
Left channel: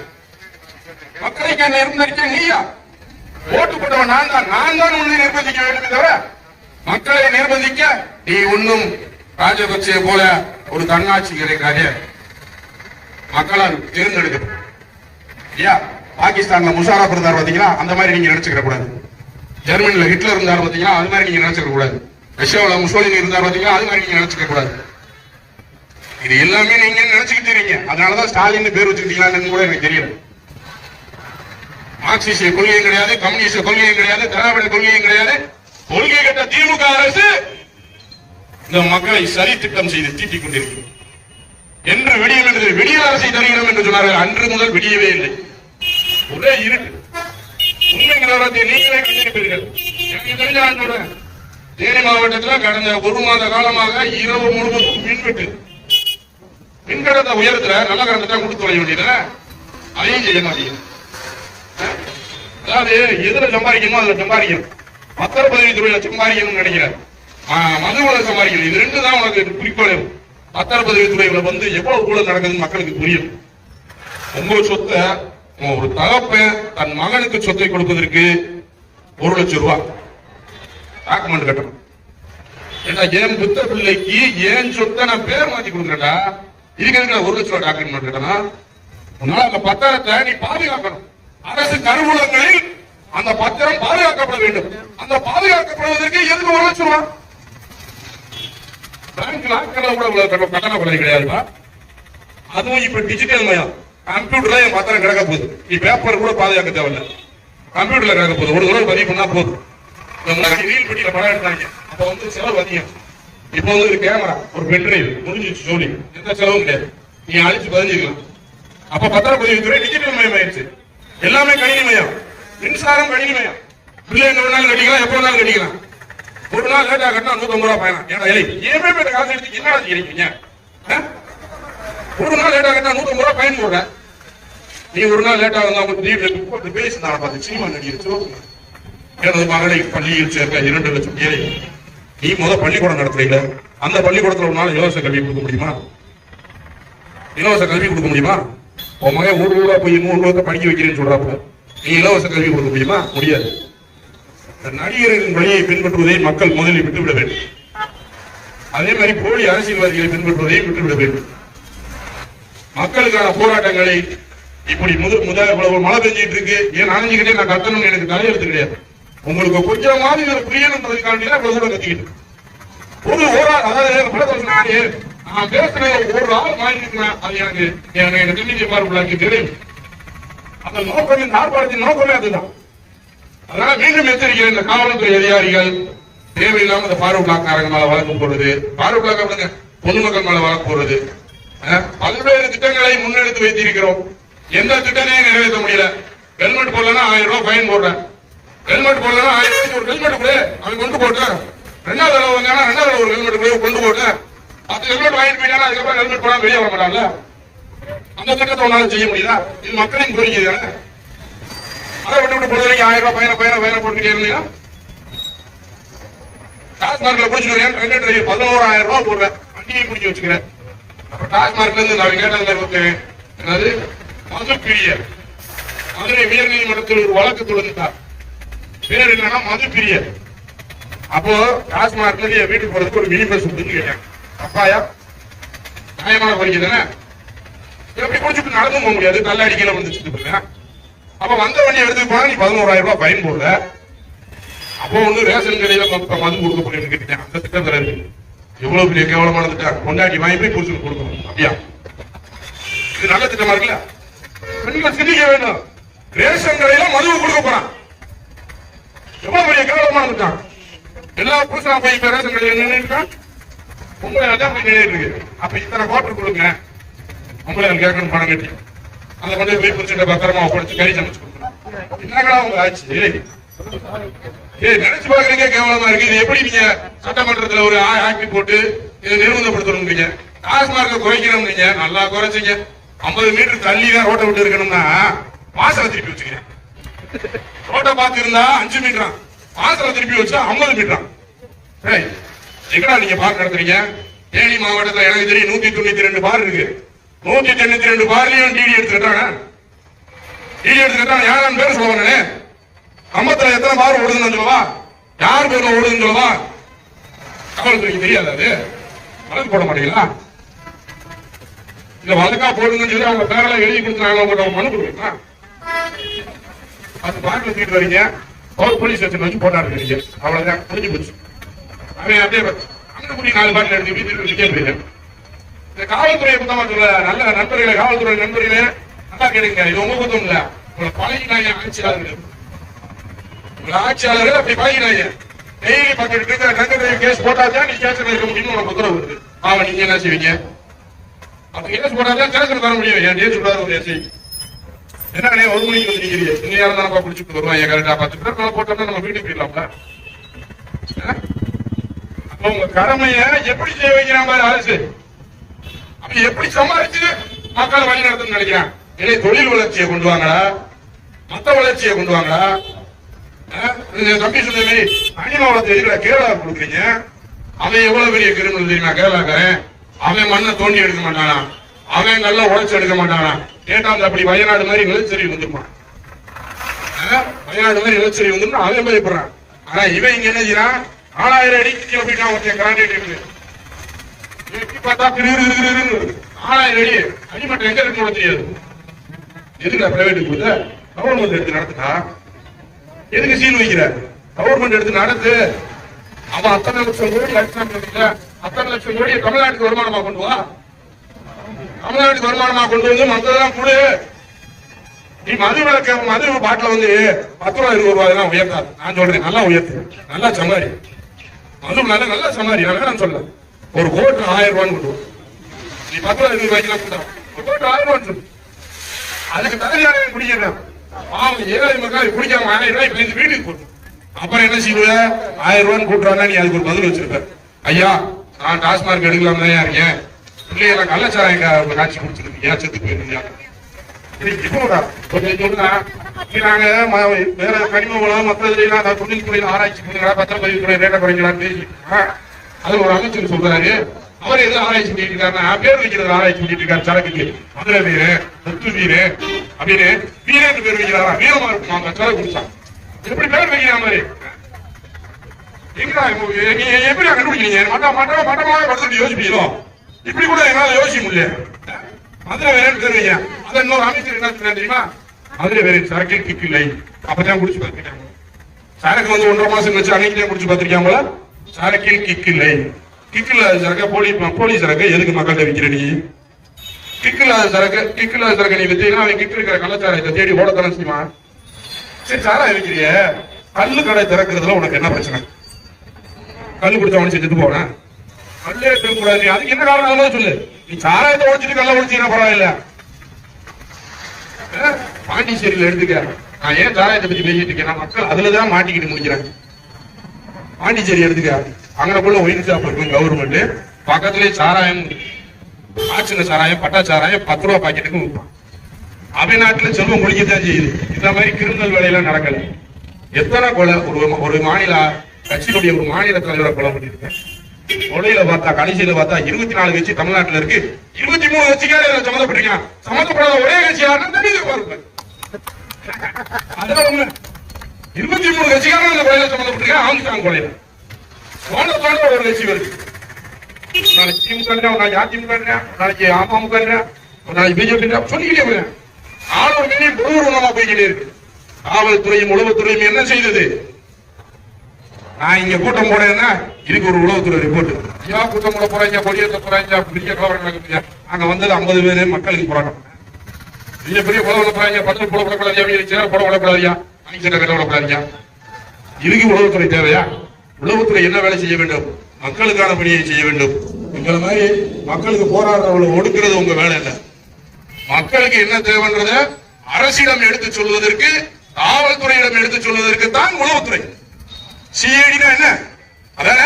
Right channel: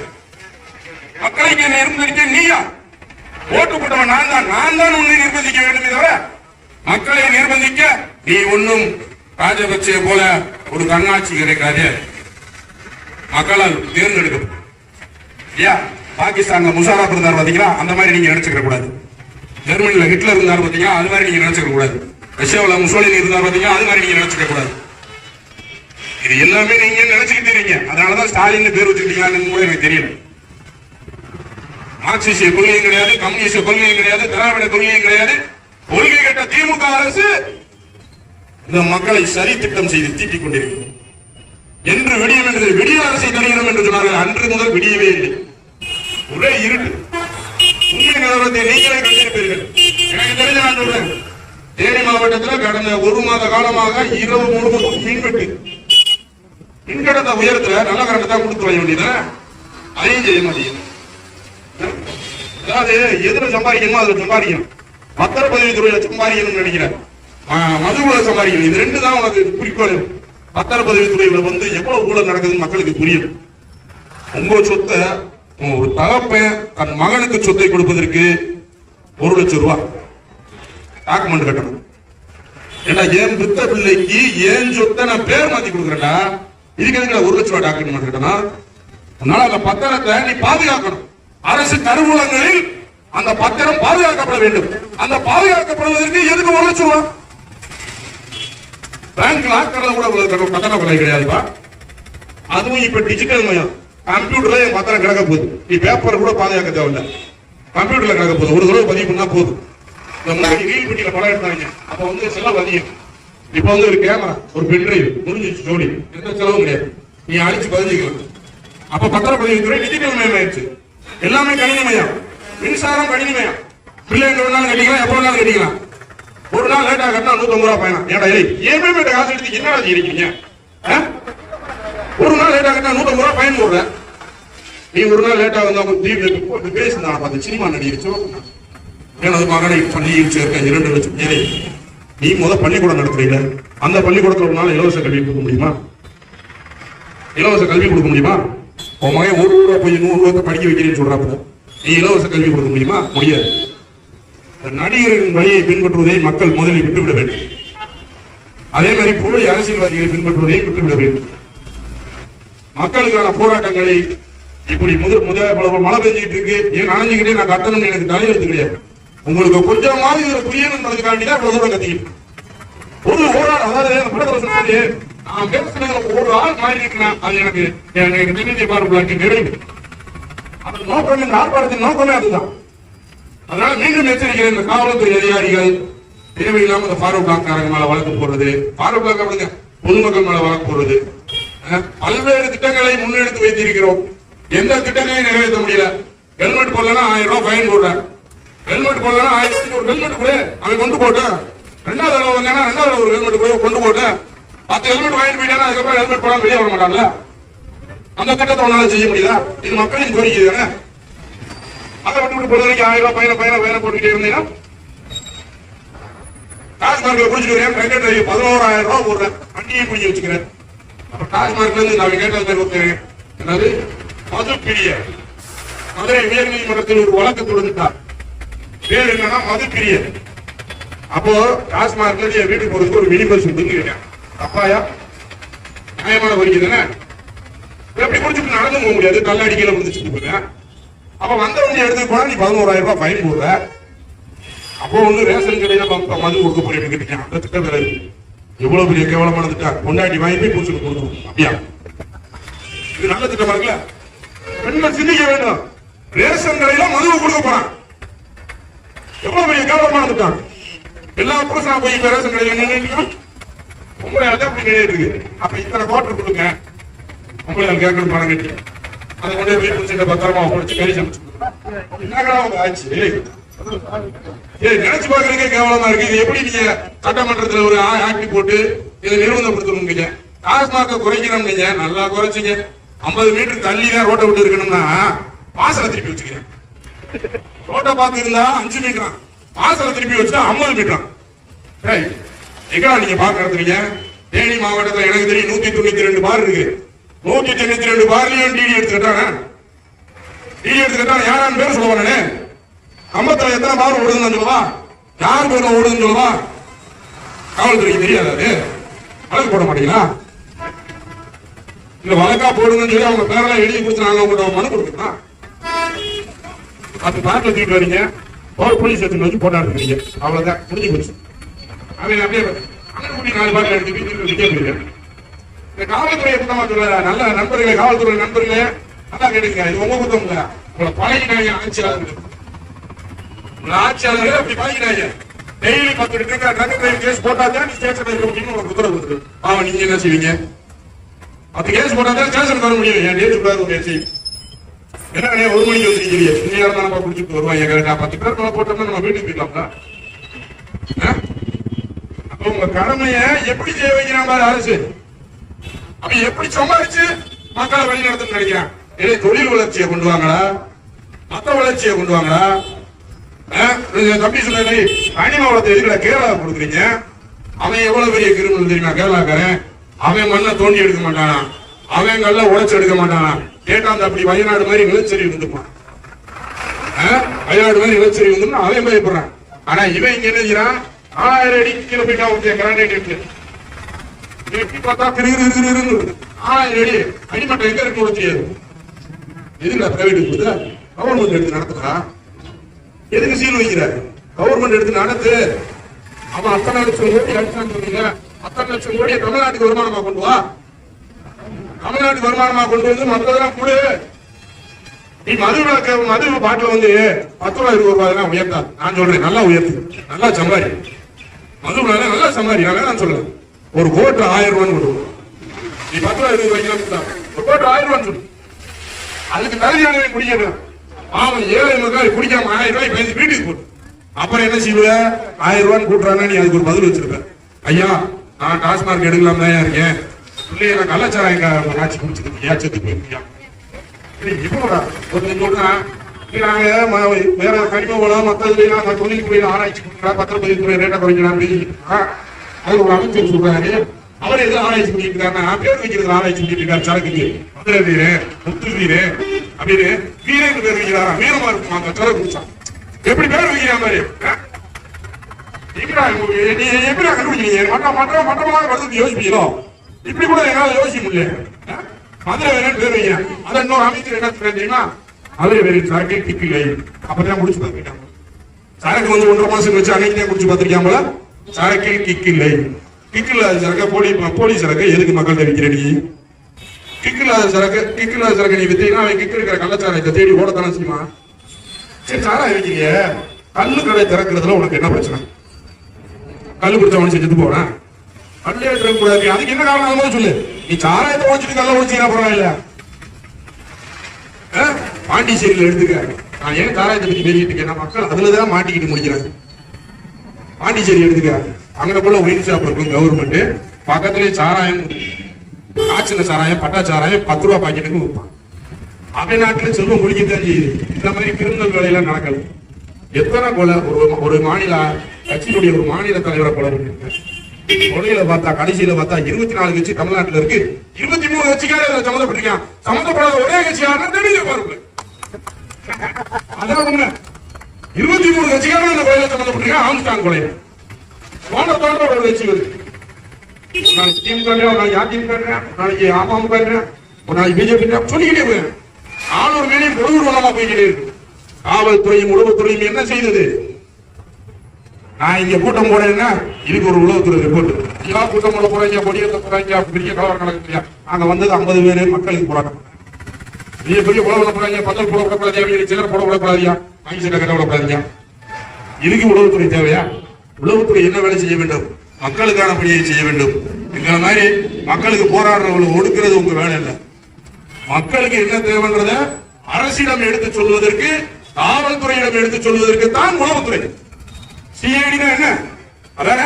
மக்களை நிர்பந்திக்க நீயா? ஓட்டு போட்டவன் நான் தான் உன்னை நிர்பந்திக்க வேண்டும். தவிர மக்களை நிர்பந்திக்க நீ ஒன்னும் ராஜபக்சே போல ஒரு தன்னாட்சி கிடைக்காது. மக்களால் தேர்ந்தெடுக்க. பாகிஸ்தான்ல முஷாரப் இருந்தார் பாத்தீங்களா, அந்த மாதிரி நீங்க நினைச்சுக்க கூடாது. ஜெர்மனில ஹிட்லர் இருந்தார் பாத்தீங்களா, அது மாதிரி நீங்க நினைச்சுக்க கூடாது. ரஷ்யாவில் முசோலினி இருந்தார் பாத்தீங்களா, அது மாதிரி நீங்க நினைச்சுக்க கூடாது. இது எல்லாமே நீங்க நினைச்சுக்கிட்டு இருக்கீங்க. அதனாலதான் ஸ்டாலின் பேர் வச்சுக்கிட்டீங்கன்னு கூட எனக்கு தெரியல. மார்க்சிஸ்ட கொள்கையும் கிடையாது, கம்யூனிஸ்ட கொள்கையும் கிடையாது, திராவிட கொள்கையும் கிடையாது. கொள்கை கட்ட திமுக அரசு இந்த மக்களை சரி திட்டம் செய்து தீட்டிக் கொண்டிருக்கிறது. என்று விடியல் அரசை தருகிறோம் என்று சொன்னார்கள். அன்று முதல் விடியவே இல்லை. ஒரே இருட்டு. உண்மை நிலவரத்தை நீங்களே கண்டிருப்பீர்கள். எனக்கு தெரிஞ்ச நான் சொல்றேன், தேனி மாவட்டத்தில் கடந்த 1 மாத காலமாக இரவு முழுவதும் மின்வெட்டு. மின்கடத்தை உயரத்துல நல்ல கரண்ட் தான் கொடுத்து வர வேண்டியது, அதையும் செய்ய மாட்டேங்குது. அதாவது எதுல சம்பாதிக்கணுமோ அதுல சம்பாதிக்கணும். பத்திரப்பதிவுத்துறையில சம்பாதிக்கணும்னு நினைக்கிறேன், மதுவுல சம்பாதிக்கணும். இது 2 தான் உனக்கு குறிக்கோள். பத்திரப்பதிவுத்துறையில எவ்வளவு ஊழல் நடக்குதுன்னு மக்களுக்கு புரியும். உங்க சொத்தை ஒரு தகப்பன் தன் மகனுக்கு சொத்தை கொடுப்பதற்கு 1 லட்சம் ரூபாய் டாக்குமெண்ட் கட்டணும். ஏன்னா ஏன் புத்த பிள்ளைக்கு ஏன் சொத்தை நான் பேர் மாத்தி கொடுக்குறேன்டா, இதுக்கு 1 லட்சம் ரூபாய் டாக்குமெண்ட் கட்டணும். உன்னால அந்த பத்திரத்தை நீ பாதுகாக்கணும். அரசு கருவூலங்களில் அந்த பத்திரம் பாதுகாக்கப்பட வேண்டும். அந்த பாதுகாக்கப்படுவதற்கு எதுக்கு 1 லட்சம் ரூபாய்? பேங்க் லாக்கர்ல கூட கட்டண கொலை கிடையாதுப்பா. அதுவும் இப்ப டிஜிட்டல் மயம். கம்ப்யூட்டர்ல என் பத்திரம் கிடக்க போகுது. நீ பேப்பர் கூட பாதுகாக்க தேவையில்ல, கம்ப்யூட்டர்ல கிடக்க போகுது. ஒரு தடவை பதிவு பண்ணா போதும். ரீல் பெட்டியில படம் எடுத்தாங்க, அப்ப செலவு அதிகம். இப்ப ஒரு கேமரா, ஒரு பென்ட்ரைவ் முடிஞ்சிச்சு ஜோடி, எந்த செலவும் கிடையாது. நீ அழிச்சு பதிஞ்சுக்கலாம். அப்ப பத்திரப்பதிவுத்துறை டிஜிட்டல் மயம் ஆயிடுச்சு. எல்லாமே கணினி மயம். மின்சாரம் கணினி மயம். பிள்ளை எங்க வேணாலும் கட்டிக்கலாம், எப்ப வேணாலும் கட்டிக்கலாம். ஒரு நாள் லேட்டா கட்டினா 150 ரூபாய் பயணம். ஏன்னா ஏமே காசு எடுத்து என்ன இருக்கீங்க? ஒரு நாள் லேட்டா கட்டினா 150 ரூபாய் பயன் போடுறேன். நீ ஒரு நாள் லேட்டா இருந்தா பேசுனா பார்த்து சினிமா நடிகர் எனது மகனை பள்ளியில் சேர்க்க 2 லட்சம் ஏழை. நீ பள்ளிக்கூடம் நடத்துறீங்க, அந்த பள்ளிக்கூடத்துல ஒரு நாள் இலவச கல்வி கொடுக்க முடியுமா? இலவச கல்வி கொடுக்க முடியுமா? உன் மகன் 1 ரூபா போய் 100 ரூபாய் படிக்க வைக்கிறேன்னு சொல்றாப்புல, நீ இலவச கல்வி கொடுக்க முடியுமா? முடியாது. நடிகர்களின் வழியை பின்பற்றுவதை மக்கள் முதலில் விட்டுவிட வேண்டும். அதே மாதிரி போலி அரசியல்வாதிகளை பின்பற்றுவதை விட்டுவிட வேண்டும். மக்களுக்கான போராட்டங்களை இப்படி மழை பெஞ்சிட்டு இருக்கு, ஏன் அணைஞ்சுக்கிட்டே நான் கட்டணும்னு எனக்கு தலையெழுத்து கிடையாது. உங்களுக்கு கொஞ்சமாவது இதை புரியணுன்றதுக்காண்டிதான் இவ்வளவு தூரம் கத்திக்கிட்டு அதாவது நான் பேசுன ஒரு ஆள் மாறி இருக்கேன். அது எனக்கு நிம்மதியை பார்ப்பதற்கு நிறைவு. அந்த நோக்கம், இந்த ஆர்ப்பாட்டத்தின் நோக்கமே அதுதான். அதனால மீண்டும் எச்சரிக்கிறேன், இந்த காவல்துறை அதிகாரிகள் தேவையில்லாம இந்த ஃபாரூக் பிளாக்காரங்க மேல வழக்கு போடுறது, ஃபாரூக் பிளாக் பொதுமக்கள் மேல வழக்கு போடுறது, பல்வேறு திட்டங்களை முன்னெடுத்து வைத்திருக்கிறோம். எந்த திட்டத்தையும் நிறைவேற்ற முடியல. ஹெல்மெட் போடலன்னா 1000 ரூபாய் ஃபைன் போடுறேன். ஹெல்மெட் போடலன்னா 1000 ரூபாய்க்கு ஒரு ஹெல்மெட் கூட அவன் கொண்டு போட்டேன். 2வது தடவை வந்தானா 2வது தடவை ஒரு ஹெல்மெட் கூட கொண்டு போட்டேன். 10 ஹெல்மெட் வாங்கிட்டு போயிட்டானா அதுக்கப்புறம் ஹெல்மெட் போடாம வெளியே வர மாட்டான்ல. அந்த திட்டத்தை உன்னால செய்ய முடியுதா? இது மக்களின் கோரிக்கை தானே. அதை விட்டு பொறுத்த வரைக்கும் 1000 ரூபாய் பயணம் போட்டுக்கிட்டே இருந்தீங்கன்னா டாஸ்மார்க்ல குடிச்சிட்டு வரேன், 11,000 ரூபாய் போடுறேன், வண்டியை குடிக்க வச்சுக்கிறேன். அப்ப டாஸ்மார்க்ல இருந்து நான் கேட்டதுல என்னது மது பிரியர் மதுரை உயர் நீதிமன்றத்தில் ஒரு வழக்கு தொடுத்தார். பேர் என்னன்னா மது பிரியர். அப்போ டாஸ்மார்க்ல இருந்து என் வீட்டுக்கு போறதுக்கு ஒரு மினி பஸ் உண்டுன்னு கேட்டேன். அப்பாயா நியாயமான கோரிக்கை தானே. எப்படி குடிச்சுட்டு நடந்து போக முடியாது, நல்ல அடிக்கையில வந்துச்சு. அப்ப வந்த வண்டி எடுத்து போனா நீ 11,000 ரூபாய் ஃபைன் போடுற. அப்போ ஒண்ணு ரேஷன் கடையில மது கொடுக்க போறேன்னு கேட்டேன். அந்த திட்டம் தராது. எவ்வளவு பெரிய கேவலமான திட்டம். கொண்டாடி வாங்கி போய் புருஷனுக்கு கொடுக்கணும். அப்படியா? இது நல்ல திட்டமா இருக்குல்ல? பெண்கள் சிந்திக்க வேண்டும். ரேஷன் கடையில மது கொடுக்க போறான். எவ்வளவு பெரிய கேவலமான திட்டம். எல்லா புருஷனா போய் ரேஷன் கடையில நின்று உங்களை அதான் போய் நிலைய இருக்கு. அப்ப இத்தனை குவார்டர் கொடுங்க, உங்களை கேட்கணும் பணம் கட்டி அதை கொண்டு போய் புரிச்சுட்ட பத்திரமா ஒப்படைச்சு கறி சமைச்சு கொடுக்கணும். என்னங்களா உங்க ஆச்சு? நினைச்சு பாக்குறீங்க கேவலமா இருக்கு. இது எப்படி நீங்க சட்டமன்றத்துல ஒரு ஆக்டி போட்டு இதை நிர்பந்தப்படுத்தணும்? டாஸ்மார்க்க குறைக்கணும். நீங்க நல்லா குறைச்சிங்க. 50 மீட்டர் தள்ளி தான் ரோட்டை விட்டு இருக்கணும்னா வாசலை திருப்பி வச்சுக்கிறேன். ரோட்டை பார்த்து இருந்தா 5 மீட்டரா, வாசலை திருப்பி வச்சா 50 மீட்டரா. எங்கடா நீங்க பார்க்க நடத்துறீங்க? தேனி மாவட்டத்தில் எனக்கு தெரியும் 192 பார் இருக்கு. 192 பார்லயும் டிடி எடுத்துக்கிட்டாங்க. டிடி எடுத்துக்கிட்டாங்க. யாரும் பேர் சொல்லுவானே, கம்பத்துல எத்தனை பார் ஓடுதுன்னு சொல்லுவா, யார் பேர்ல ஓடுதுன்னு சொல்லுவா. காவல்துறைக்கு தெரியாது. அது வழக்கு போட மாட்டீங்களா? இந்த வழக்கா போடுங்கன்னு சொல்லி அவங்க பேரெல்லாம் எழுதி கொடுத்து நாங்க உங்கள்கிட்ட மனு கொடுக்கலாம். 10 பார்ல தூக்கிட்டு வரீங்க, ஒரு போலீஸ் ஸ்டேஷன் வச்சு போட்டாடுறீங்க. அவ்வளவுதான், முடிஞ்சு போச்சு. அவன் அப்படியே அங்கே கூடி 4 பார்ல எடுத்து வீட்டுக்கு விற்க முடியல. இந்த காவல்துறையை குத்தமா சொல்ல, நல்ல நண்பர்களே, காவல்துறை நண்பர்களே நல்லா கேளுங்க. இது உங்க குத்தம் இல்ல, உங்களை பழகினாங்க ஆட்சியாளர்கள். உங்களை ஆட்சியாளர்கள் அப்படி பழகினாங்க. டெய்லி 10 கேஸ் போட்டாதான் நீ ஸ்டேஷன் இருக்க முடியும்னு உனக்கு உத்தரவு வருது. அவன் நீங்க என்ன செய்வீங்க? 10 கேஸ் போட்டாதான் ஸ்டேஷன் தர முடியும். என் டேட் சொல்றாரு ஒரு எஸ்ஐ. என்ன 1 மணிக்கு வந்து நீங்க இன்னும் யாரும் தான் குடிச்சுட்டு வருவாங்க. கரெக்டா 10 பேர் மேல போட்டோம்னா நம்ம வீட்டுக்கு போயிடலாம்ல. அப்ப உங்க கடமைய எப்படி செய்ய வைக்கிறான் பாரு அரசு. அப்ப எப்படி சம்பாதிச்சு மக்களை வழி நடத்தணும்னு நினைக்கிறான். இதே தொழில் வளர்ச்சியை கொண்டு வாங்கடா, மத்த வளர்ச்சியை கொண்டு வாங்கடா. தம்பி சொன்ன அனிம வளத்தை எதுக்குடா கேரளா கொடுக்குறீங்க? அவன் எவ்வளவு பெரிய கிரிமினல் தெரியுமா? கேரளாக்காரன். அவன் மண்ணை தோண்டி எடுக்க மாட்டானா, அவன் நல்லா உழைச்சு எடுக்க மாட்டானா. கேட்டா அந்த அப்படி வயநாடு மாதிரி நிலச்சரிவு வந்துருப்பான். வயநாடு மாதிரி நிலச்சரிவு வந்து அவன் பயப்படுறான். ஆனா இவன் இங்க என்ன செய்யறான்? 4000 அடி கீழே போயிட்டான். கிரானைட் எப்படி பார்த்தா 4000 அடி அடிமட்டம் எங்க இருக்கு கூட தெரியாது. எதுக்கு பிரைவேட் கொடுத்த? கவர்மெண்ட் எடுத்து நடத்துறா. எதுக்கு சீல் வைக்கிறார்? கவர்மெண்ட் எடுத்து நடத்து. அவன் அத்தனை லட்சம் கோடி அடிச்சான்னு சொன்னீங்க. அத்தனை லட்சம் கோடியை தமிழ்நாட்டுக்கு வருமானமா கொண்டு வா. தமிழ்நாட்டுக்கு வருமானமா கொண்டு வந்து மற்றதெல்லாம் கொடு. நீ மது பாட்டில வந்து 10 ரூபாய் 20 ரூபாய் தான் உயர்த்தாது. நான் சொல்றேன், நல்லா உயர்த்து, நல்லா சமாரி. மது நல்லா சமாரி. நான் சொல்றேன், ஒரு கோட்டு 1000 ரூபான்னு கொண்டு. நீ 10 ரூபாய் 20 ரூபாய்க்கு ஒரு கோட்டு 1000 ரூபான்னு சொல்லு. அதுக்கு தகுதியான குடிக்கிறேன். பாவம் ஏழை மக்கள் குடிக்காம 1000 ரூபாய் பேசி வீட்டுக்கு போட்டு அப்புறம் என்ன செய்வ? 1000 ரூபான்னு கூட்டுறாங்க, நீ அதுக்கு ஒரு பதில் வச்சிருப்ப. ஐயா, நான் டாஸ்மார்க் எடுக்கலாம் தான் இருக்கேன், பிள்ளைங்க கள்ளச்சாராயம் காட்சி குடிச்சிருக்கு, ஏச்சத்து போயிருக்கியா நாங்க வேற கனிம வளம் மற்ற தொழில்துறை ஆராய்ச்சி பண்ணுறா, பத்திரப்பதிவுத்துறை ரேட்டை குறைக்கலாம் பேசி அது ஒரு அமைச்சர் சொல்றாரு. அவர் எது ஆராய்ச்சி பண்ணிட்டு இருக்காருன்னா, பேர் வைக்கிறது ஆராய்ச்சி பண்ணிட்டு இருக்காரு. சரக்குக்கு மதுரை வீரு, முத்து வீரு அப்படின்னு வீரேன்னு பேர் வைக்கிறாரா? வீரமா இருக்கும் சரக்கு குடிச்சா எப்படி பேர் வைக்கிற மாதிரி எங்கடா நீ எப்படி கண்டுபிடிக்கிறீங்க? மட்டமாக வருது யோசிப்பீங்களோ? இப்படி கூட எங்களால யோசிக்க முடியல. மதுரை வேறன்னு பேர் வைக்கிறேன். அதை இன்னொரு அமைச்சர் என்ன சொல்றேன் தெரியுமா? மதுரை வேற சரக்கே கிக்கில்லை. அப்பதான் குடிச்சு பார்த்துருக்காங்க. சரக்கு வந்து 1.5 மாசம் வச்சு அன்னைக்கு குடிச்சு பார்த்திருக்காங்களா? சரக்கில் கிக்கில்லை. கிக்கில்லாத சரக்க போலி சரக்கு எதுக்கு மக்கள்கிட்ட விற்கிற நீ? கிக்கில்லாத சரக்கு நீ வித்தீங்கன்னா அவன் கிக்கு இருக்கிற கள்ளச்சாராயத்தை தேடி ஓடத்தானே செய்வான். சரி, சாராயம் இருக்கிறிய கல்லு கடை திறக்கிறதுல உனக்கு என்ன பிரச்சனை? கல்லு குடிச்சவன் செஞ்சு போறேன், கல்லே திறக்கூடாது. அதுக்கு என்ன காரணம் சொல்லு. நீ சாராயத்தை உழைச்சிட்டு கல்ல உழைச்சினா பரவாயில்ல. பாண்டிச்சேரியில் எடுத்துக்க, நான் ஏன் சாராயத்தை பத்தி பேசிட்டு இருக்கேன், மக்கள் அதுலதான் மாட்டிக்கிட்டு முடிக்கிறாங்க. பாண்டிச்சேரி எடுத்துக்க, அங்கனக்குள்ள ஒயின் ஷாப் இருக்கும் கவர்மெண்ட், பக்கத்திலேயே சாராயம், காய்ச்சின சாராயம், பட்டா சாராயம் 10 ரூபா பாக்கெட்டுக்கு விற்பான். அவைநாட்டில் செல்வம் முடிக்கத்தான் செய்யுது. இந்த மாதிரி கிரிமினல் வேலையெல்லாம் நடக்கல. எத்தனை கொலை ஒரு மாநில கட்சியினுடைய ஒரு மாநில தலைவரை கொலை பண்ணிருக்கேன். கொலையில பார்த்தா கடைசியில பார்த்தா 24 கட்சி தமிழ்நாட்டில் இருக்கு, 23 கட்சிக்கார சம்மந்தப்பட்டிருக்கான். சம்மந்தப்படாத ஒரே கட்சி யாருன்னா தெரியுது பாருங்க. அதெல்லாம் உண்மை. 23 கட்சிக்காரன் அந்த கொலையில சம்மந்தப்பட்டிருக்கான். ஆம்ஸ்டாங் கொலையில தோண்ட ஒரு கட்சி வருது. நாளைக்கு திமுக, நாளைக்கு அதிமுக, நாளைக்கு அமமுக, நாளைக்கு பிஜேபி சொல்லிக்கிட்டே போய் 400 மில்லியன் பொருளாதாரமா போய்கிட்டே இருக்கு. காவல்துறையும் உளவுத்துறையும் என்ன செய்தது? நான் இங்க கூட்டம் போனேன்னா இதுக்கு ஒரு உளவுத்துறை ரிப்போர்ட். ஏன் கூட்டம் போட போறாங்க, கொடியேற்ற போறாங்க, பெரிய கலவரம் நடக்குது. அங்க வந்தது 50 பேரு மக்களுக்கு போராட்டம். பெரிய பெரிய கொலை போறாங்க, பத்தல் போட விடக்கூடாது, சேர போட விடக்கூடாதியா, வாங்கி சட்டை கட்ட விடக்கூடாதியா. இதுக்கு உளவுத்துறை தேவையா? உளவுத்துறை என்ன வேலை செய்ய வேண்டும்? மக்களுக்கான பணியை செய்ய வேண்டும். இந்த மாதிரி மக்களுக்கு போராடுறவங்களை ஒடுக்கிறது உங்க வேலை இல்லை. மக்களுக்கு என்ன தேவைன்றத அரசிடம் எடுத்து சொல்வதற்கு, காவல்துறையிடம் எடுத்து சொல்வதற்கு தான் உளவுத்துறை. சிஐடினா என்ன? அதான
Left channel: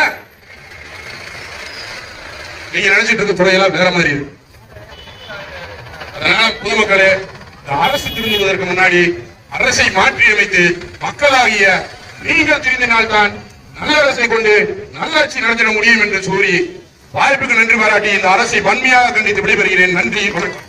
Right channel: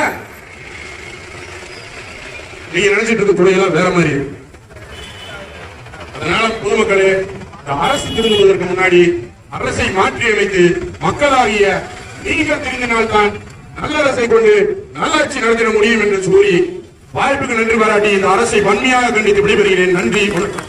நீங்க நினைச்சிட்டு இருக்க துறையெல்லாம் வேற மாதிரி. அதனால பொதுமக்களே, அரசு திருந்துவதற்கு முன்னாடி அரசை மாற்றி அமைத்து மக்களாகிய நீங்கள் திருந்தினால்தான் நல்ல அரசை கொண்டு நல்லாட்சி நடத்திட முடியும் என்று கூறி வாய்ப்புக்கு நன்றி பாராட்டி இந்த அரசை வன்மையாக கண்டித்து விடைபெறுகிறேன். நன்றி, வணக்கம்.